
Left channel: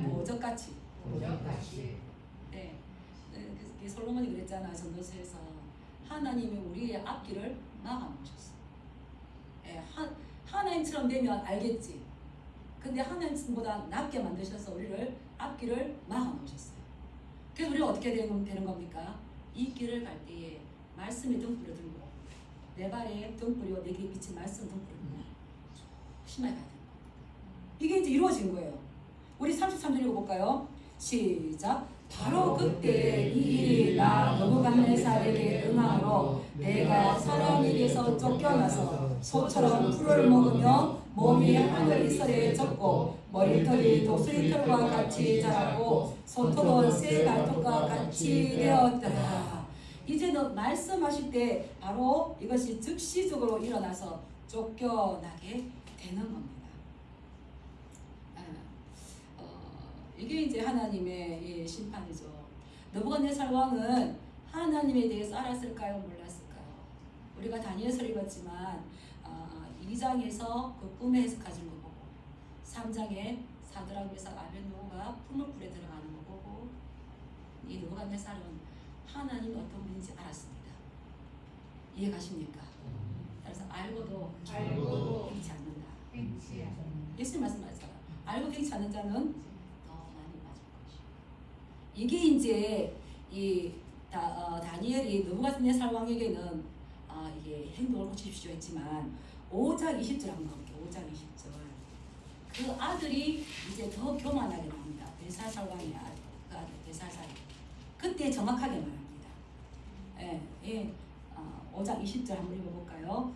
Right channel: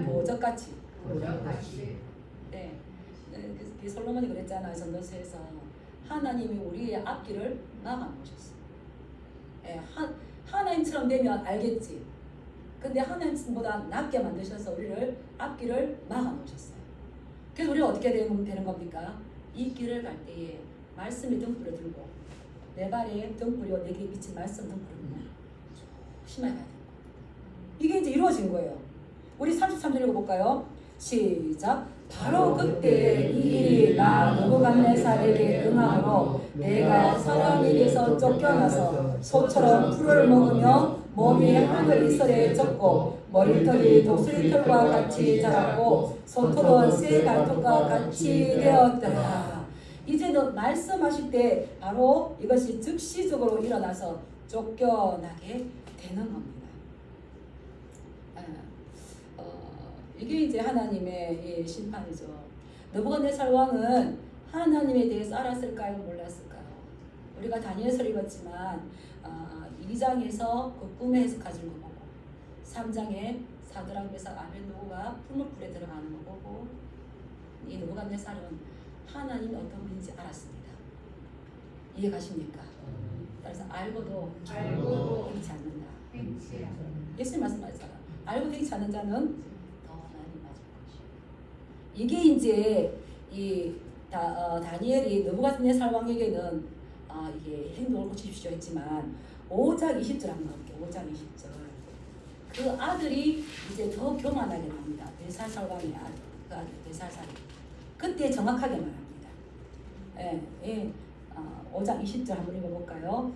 보적같이 솔로몬이 그랬잖아요. 전도서에서 하나님이 우리의 앞길을 막아놓으셨어요. 하나님처럼 되면 알겠지. 근데 하나님보다 낮게 만드셔서 우리를 앞길을 막아놓으셨어요. 그래서 우리가 어떻게 되는 겁니까? 이 길을 갈 때에 말씀이 등불을 들고 내 발에 등불이요 내 귀에 비친 말씀 등불을 들고 심하게 가야 됩니다. 이게 이제 이루어진 거예요. 우리 33절 읽어볼까요? 시작. 바로 그때 이 일이 나 느부갓네살에게 응함으로 내가 사람에게서 쫓겨나서 소처럼 풀을 먹으며 몸이 하늘 이슬에 젖고 머리털이 독수리털과 같이 자랐고 손톱은 새 발톱과 같이 되었더라. 이제는 말씀하실 때 바로 이것이 즉시적으로 일어나서 쫓겨나게 되는 겁니다. 이게 이제 하나님의 심판이죠. 느부갓네살 왕은 하나님에 대해서 알았을까요? 몰랐을까요? 우리가 다니엘서를 읽었지만 2장에서 그 꿈의 해석하신 거 보고 3장에 사드락 메삭 아벳느고가 풀무불에 들어가는 거 보고 이 느부갓네살은 하나님이 어떤 분인지 알았습니다. 이해가십니까? 그래서 알고도 행치 않는다. 예수님 말씀하셨잖아요. 알고 행치 않는 자는 더 많이 맞을 것이다. 이게 이제 다니엘이 느부갓네살 왕에게는 이게 행동을 고치십시오 했지만 5장 20절 한번 볼게요. 5장 20절. 그 아들이 이제 더 교만하게 납니다. 벨사살 왕의 그 아들 벨사살. 그때 정확하게 말합니다. 5장 20절 한번 읽어볼까요?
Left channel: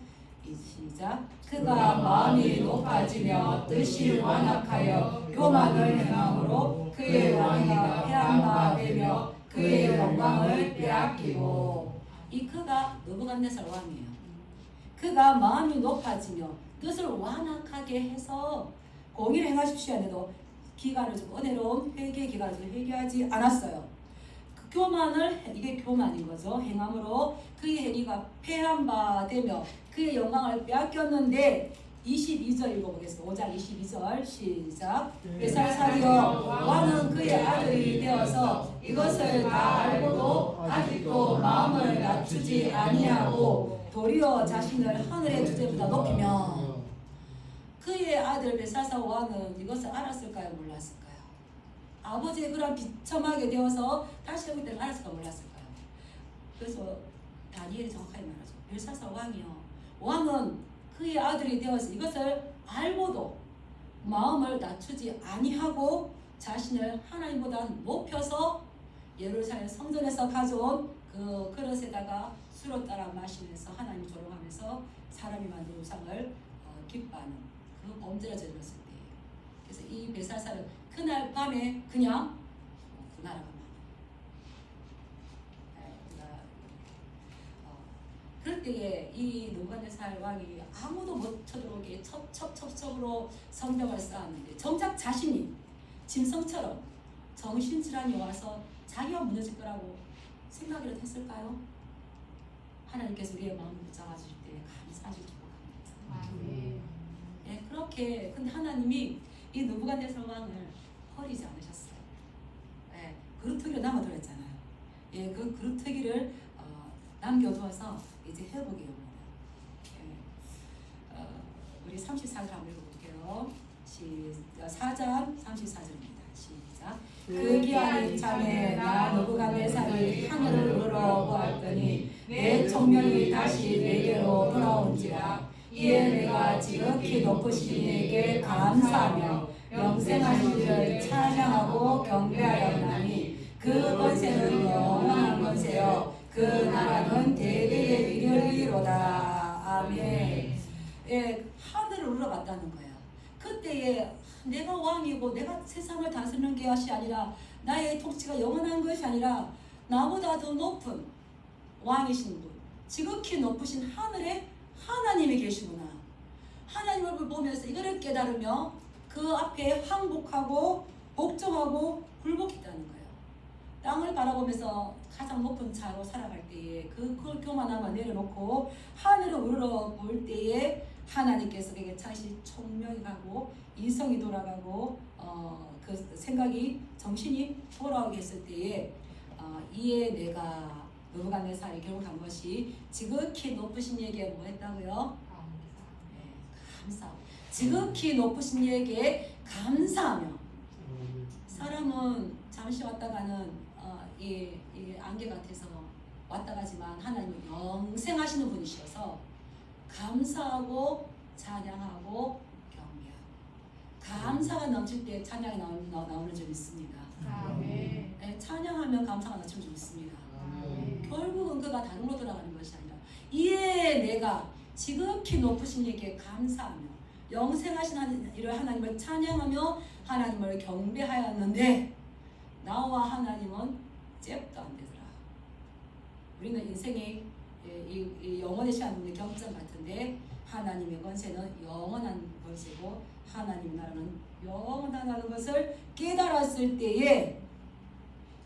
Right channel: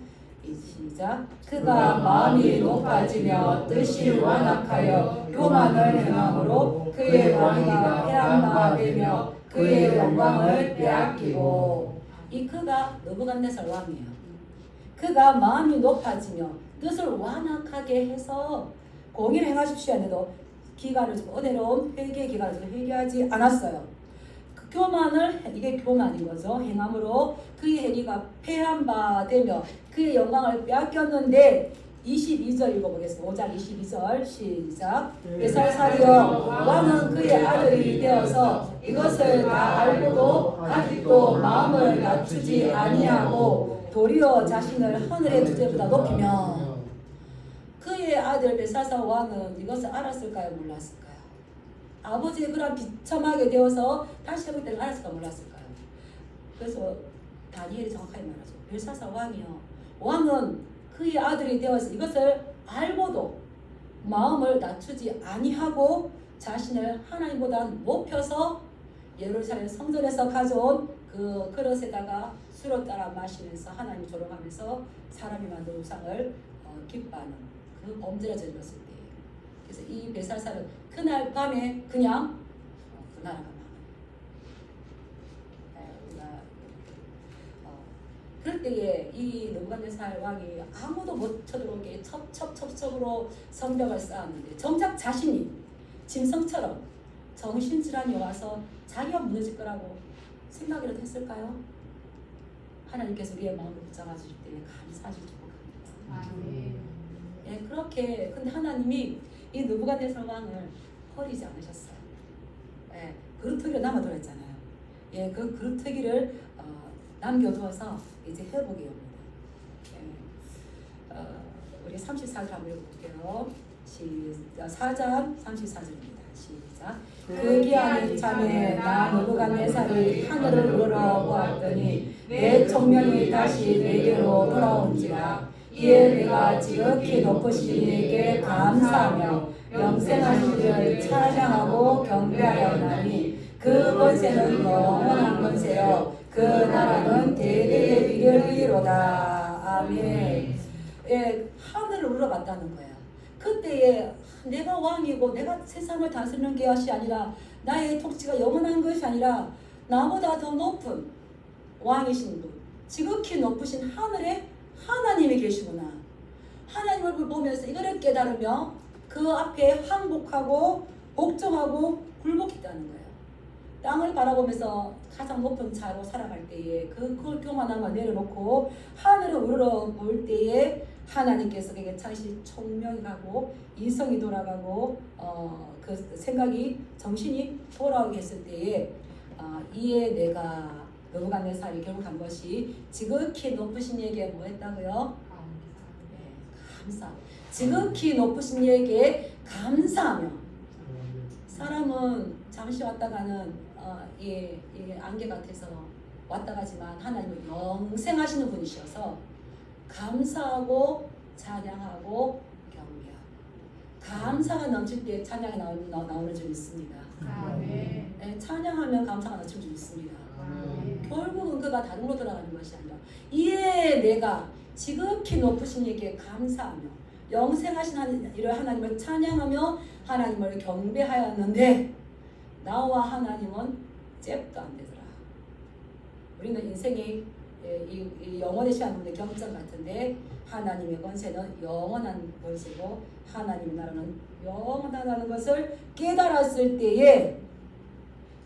시작. 그가 마음이 높아지며 뜻이 완악하여 교만을 행함으로 그의 왕위가 폐한바되며 그의 영광을 빼앗기고. 이 그가 느부갓네살 왕이에요. 그가 마음이 높아지며 뜻을 완악하게 해서 공의를 행하십시오 해도 기간을 주고 은혜로운 회개 기간을 주고 회개하지 않았어요. 그 교만을 이게 교만인 거죠. 행함으로 그의 행위가 폐한 바 되며 그의 영광을 빼앗겼는데 22절 읽어보겠습니다. 5장 22절 시작. 벨사살이여 왕은 그의 아들이 되어서 이것을 다 알고도 아직도 마음을 낮추지 아니하고 도리어 자신을 하늘의 주제보다 높이며. 그의 아들 벨사살 왕은 이것을 알았을까요? 몰랐을까요? 아버지의 그런 비참하게 되어서 다시 해볼 때는 알았을까요? 몰랐을까요? 그래서 다니엘이 정확하게 말하죠. 벨사살 왕이요, 왕은 그의 아들이 되어서 이것을 알고도 마음을 낮추지 아니하고 자신을 하나님보다 높여서 예루살렘 성전에서 가져온 그 그릇에다가 술을 따라 마시면서 하나님 조롱하면서 사람이 만든 우상을 기뻐하는 그 범죄를 저질렀을 때예요. 그래서 이 벨사살은 그날 밤에 그냥 그 나라가 그럴 때에 이 느부갓네살 왕이 아무도 못 쳐들어오게 첩첩으로 성벽을 쌓았는데 정작 자신이 짐승처럼 정신질환이 와서 자기가 무너질 거라고 생각이라도 했을까요? 하나님께서 우리의 마음을 붙잡아주실 때 감사하실 줄 모릅니다. 그렇게 근데 하나님이 이 느부갓네살 왕을 버리지 않으셨어요. 그루터기로 남아돌았잖아요. 그 그루터기를 남겨두어서 이제 회복이 옵니다. 우리 34절 한번 읽어볼게요. 4장 34절입니다. 시작. 그 기한이 참에 나 느부갓네살이 하늘을 우러러보았더니 내 총명이 다시 내게로 돌아온지라. 이에 내가 지극히 높으신 이에게 감사하며 영생하신 이를 찬양하고 경배하여 나니 그 권세는 영원한 권세요 그 나라는 대대에 이르리로다. 아멘. 하늘을 우러봤다는 거예요. 그때에 내가 왕이고 내가 세상을 다스리는 것이 아니라 나의 통치가 영원한 것이 아니라 나보다 더 높은 왕이신 분, 지극히 높으신 하늘에 하나님이 계시구나. 하나님을 보면서 이거를 깨달으며 그 앞에 항복하고 복종하고 굴복했다는 거예요. 땅을 바라보면서 가장 높은 자로 살아갈 때에 그 교만함을 내려놓고 하늘을 우러볼 때에 하나님께서 그에게 다시 총명하고 이성이 돌아가고 그 생각이 정신이 돌아오게 했을 때에 이에 내가 느부갓네살이 결국 한 것이 지극히 높으신 이에게 뭐 했다고요? 감사. 지극히 높으신 이에게 감사하며. 사람은 잠시 왔다 가는 안개 같아서 왔다 가지만 하나님은 영생하시는 분이셔서 감사하고 찬양하고 감사가 넘칠 때 찬양이 나오는 줄 믿습니다. 네, 찬양하면 감사가 넘칠 줄 믿습니다. 결국은 그가 다른 걸로 돌아가는 것이 아니라 이에 내가 지극히 높으신 이에게 감사하며 영생하신 이를 하나님을 찬양하며 하나님을 경배하였는데 나와 하나님은 잽도 안 되더라. 우리는 인생이 이 영원의 시간 없는 경전 같은데 하나님의 권세는 영원한 권세고 하나님의 나라는 영원하다는 것을 깨달았을 때에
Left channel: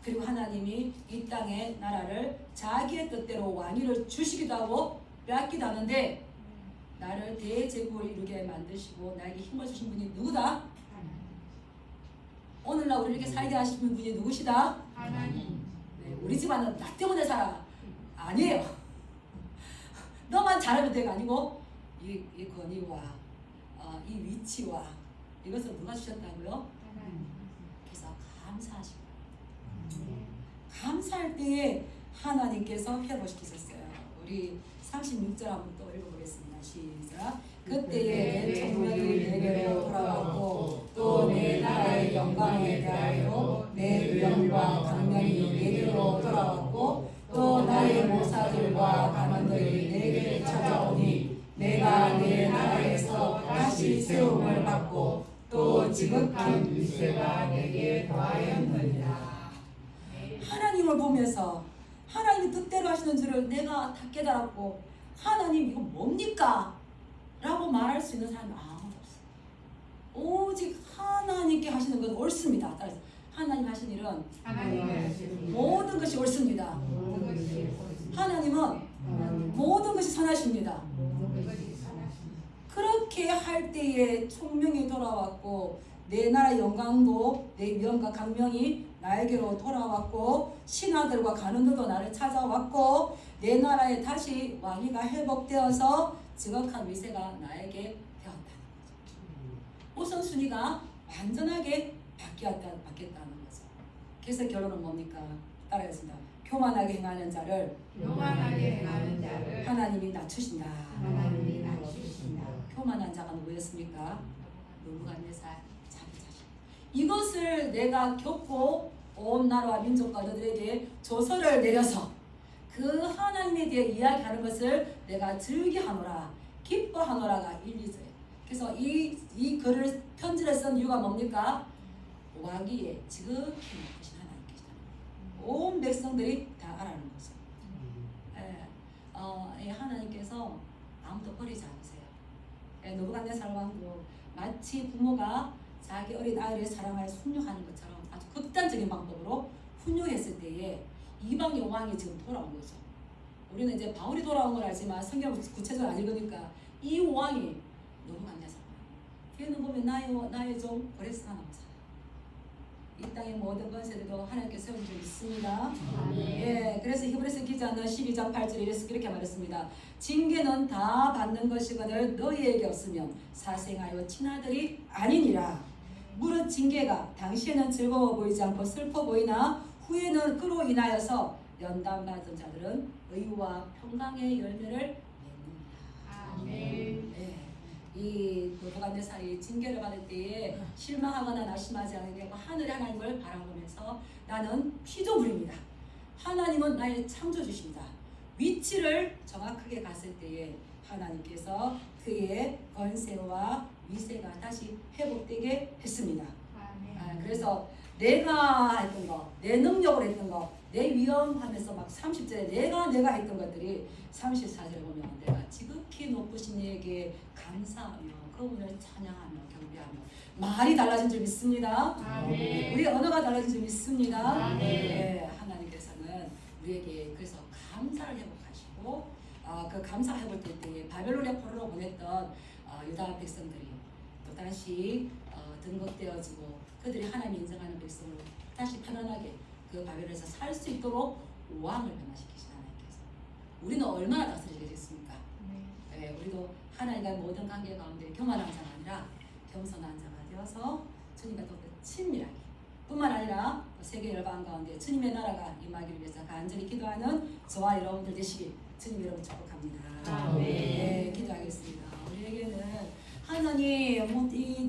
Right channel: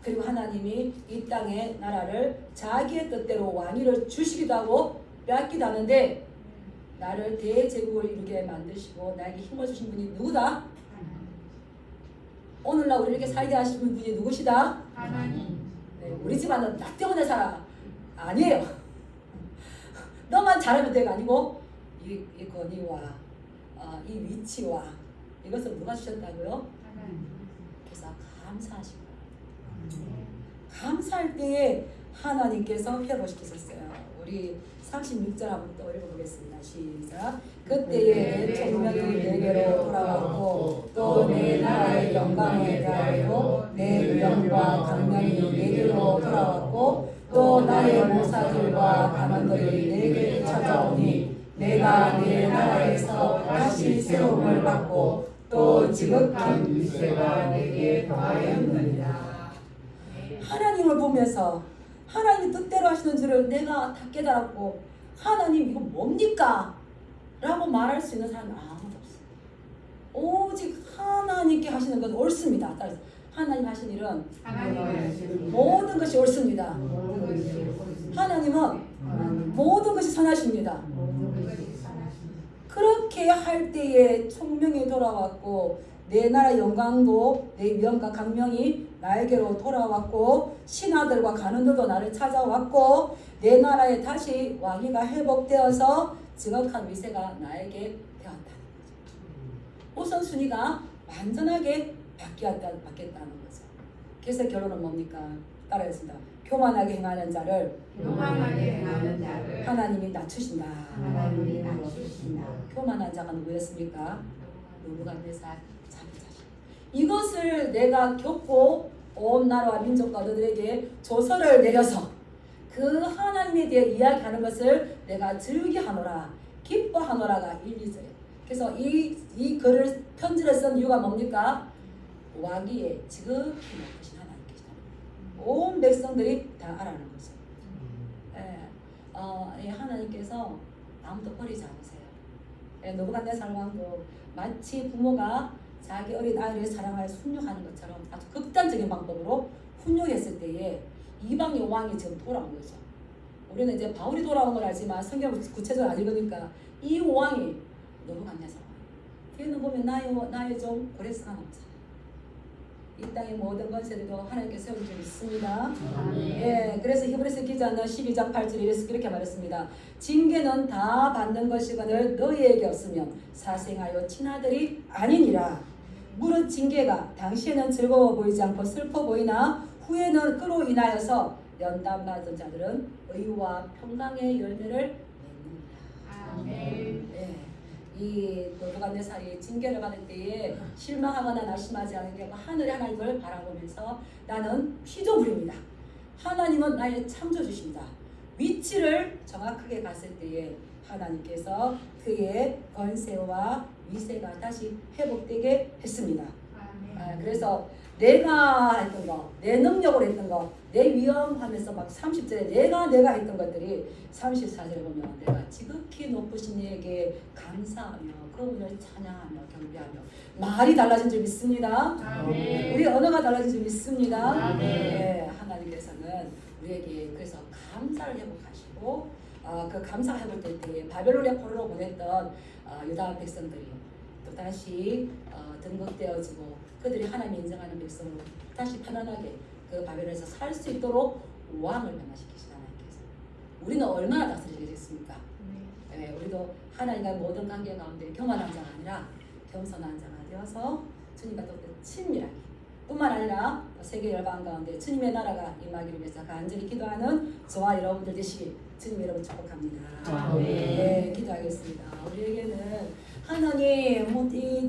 그리고 하나님이 이 땅의 나라를 자기의 뜻대로 왕위를 주시기도 하고 빼앗기도 하는데 나를 대제국을 이루게 만드시고 나에게 힘을 주신 분이 누구다? 오늘날 우리 이렇게 살게 하신 분이 누구시다? 네, 우리 집안은 나 때문에 살아. 아니에요. 너만 잘하면 돼가 아니고 이 권위와 이 위치와 이것을 누가 주셨다고요? 그래서 감사하시고 감사할 때에 하나님께서 회복시키셨어요. 우리 36절 한번 또 읽어보겠습니다. 시작. 그때에 내 총명이 내게로 돌아왔고 또 내 나라의 영광에 대하여 내 위엄과 강명이 내게로 돌아왔고 또 나의 모사들과 간원들이 내게 찾아오니 내가 내 나라에서 다시 새로움을 받고 또 지극한 위세가 내게 더하였느니라. 하나님을 보면서 하나님이 뜻대로 하시는 줄을 내가 다 깨달았고 하나님 이거 뭡니까? 라고 말할 수 있는 사람은 아무도 없어요. 오직 하나님께 하시는 건 옳습니다. 따라서 하나님 하신 일은 모든 것이 옳습니다. 하나님은 모든 것이 선하십니다. 그렇게 할 때에 총명이 돌아왔고 내 나라의 영광도 내 위엄과 강명이 나에게로 돌아왔고 신하들과 간원들도 나를 찾아왔고 내 나라에 다시 왕위가 회복되어서 지극한 위세가 나에게 되었다는 거죠. 우선순위가 완전하게 바뀌었다는 거죠. 그래서 결론은 뭡니까? 따라하겠습니다. 교만하게 행하는 자를 하나님이 낮추신다. 교만한 자가 누구였습니까? 느부갓네살 장자죠. 이것을 내가 겪고 온 나라와 민족과 너들에게 조서를 내려서 그 하나님에 대해 이야기하는 것을 내가 즐겨하노라 기뻐하노라가 1~2절. 그래서 이 글을 편지를 쓴 이유가 뭡니까? 왕위에 지극히 높으신 하나님께서 온 백성들이 다 알아는 거죠. 하나님께서 아무도 버리지 않으세요. 느부갓네살 왕도 마치 부모가 자기 어린 아이를 사랑하여 훈육하는 것처럼 아주 극단적인 방법으로 훈육했을 때에 이방의 왕이 지금 돌아온 거죠. 우리는 이제 바울이 돌아온 걸 알지만 성경을 구체적으로 안 읽으니까 이 왕이 느부갓네살 왕. 걔는 보면 나의 종 고레스가 남자. 이 땅의 모든 권세들도 하나님께 세운 줄 믿습니다. 예, 그래서 히브리서 기자는 12장 8절에 이렇게 말했습니다. 징계는 다 받는 것이거늘 너희에게 없으면 사생하여 친아들이 아니니라. 무릇 징계가 당시에는 즐거워 보이지 않고 슬퍼 보이나 후에는 그로 인하여서 연단 받은 자들은 의와 평강의 열매를 맺는다. 예. 이 느부갓네살이 징계를 받을 때에 실망하거나 낙심하지 않게 하고 하늘의 하나님을 바라보면서 나는 피조물입니다. 하나님은 나의 창조주십니다. 위치를 정확하게 갔을 때에 하나님께서 그의 권세와 위세가 다시 회복되게 했습니다. 그래서 내가 했던 거, 내 능력으로 했던 거, 내 위험하면서 막 30절에 내가 했던 것들이 34절에 보면 내가 지극히 높으신 이에게 감사하며 그분을 찬양하며 경배하며 말이 달라진 줄 믿습니다. 우리 언어가 달라진 줄 믿습니다. 네, 하나님께서는 우리에게 그래서 감사를 회복하시고 그 감사 회복 때에 바벨론의 포로로 보냈던 유다 백성들이 또 다시 등극되어지고 그들이 하나님 인정하는 백성으로 다시 편안하게 그 바벨론에서 살 수 있도록 왕을 변화시키신 하나님께서 우리는 얼마나 다스리겠습니까? 우리도 하나님과의 모든 관계 가운데 교만한 자가 아니라 겸손한 자가 되어서 주님과 더욱더 친밀하게 뿐만 아니라 세계 열방 가운데 주님의 나라가 임하기를 위해서 간절히 기도하는 저와 여러분들 되시기 주님 여러분 축복합니다. 네, 기도하겠습니다. 우리에게는 하나님 이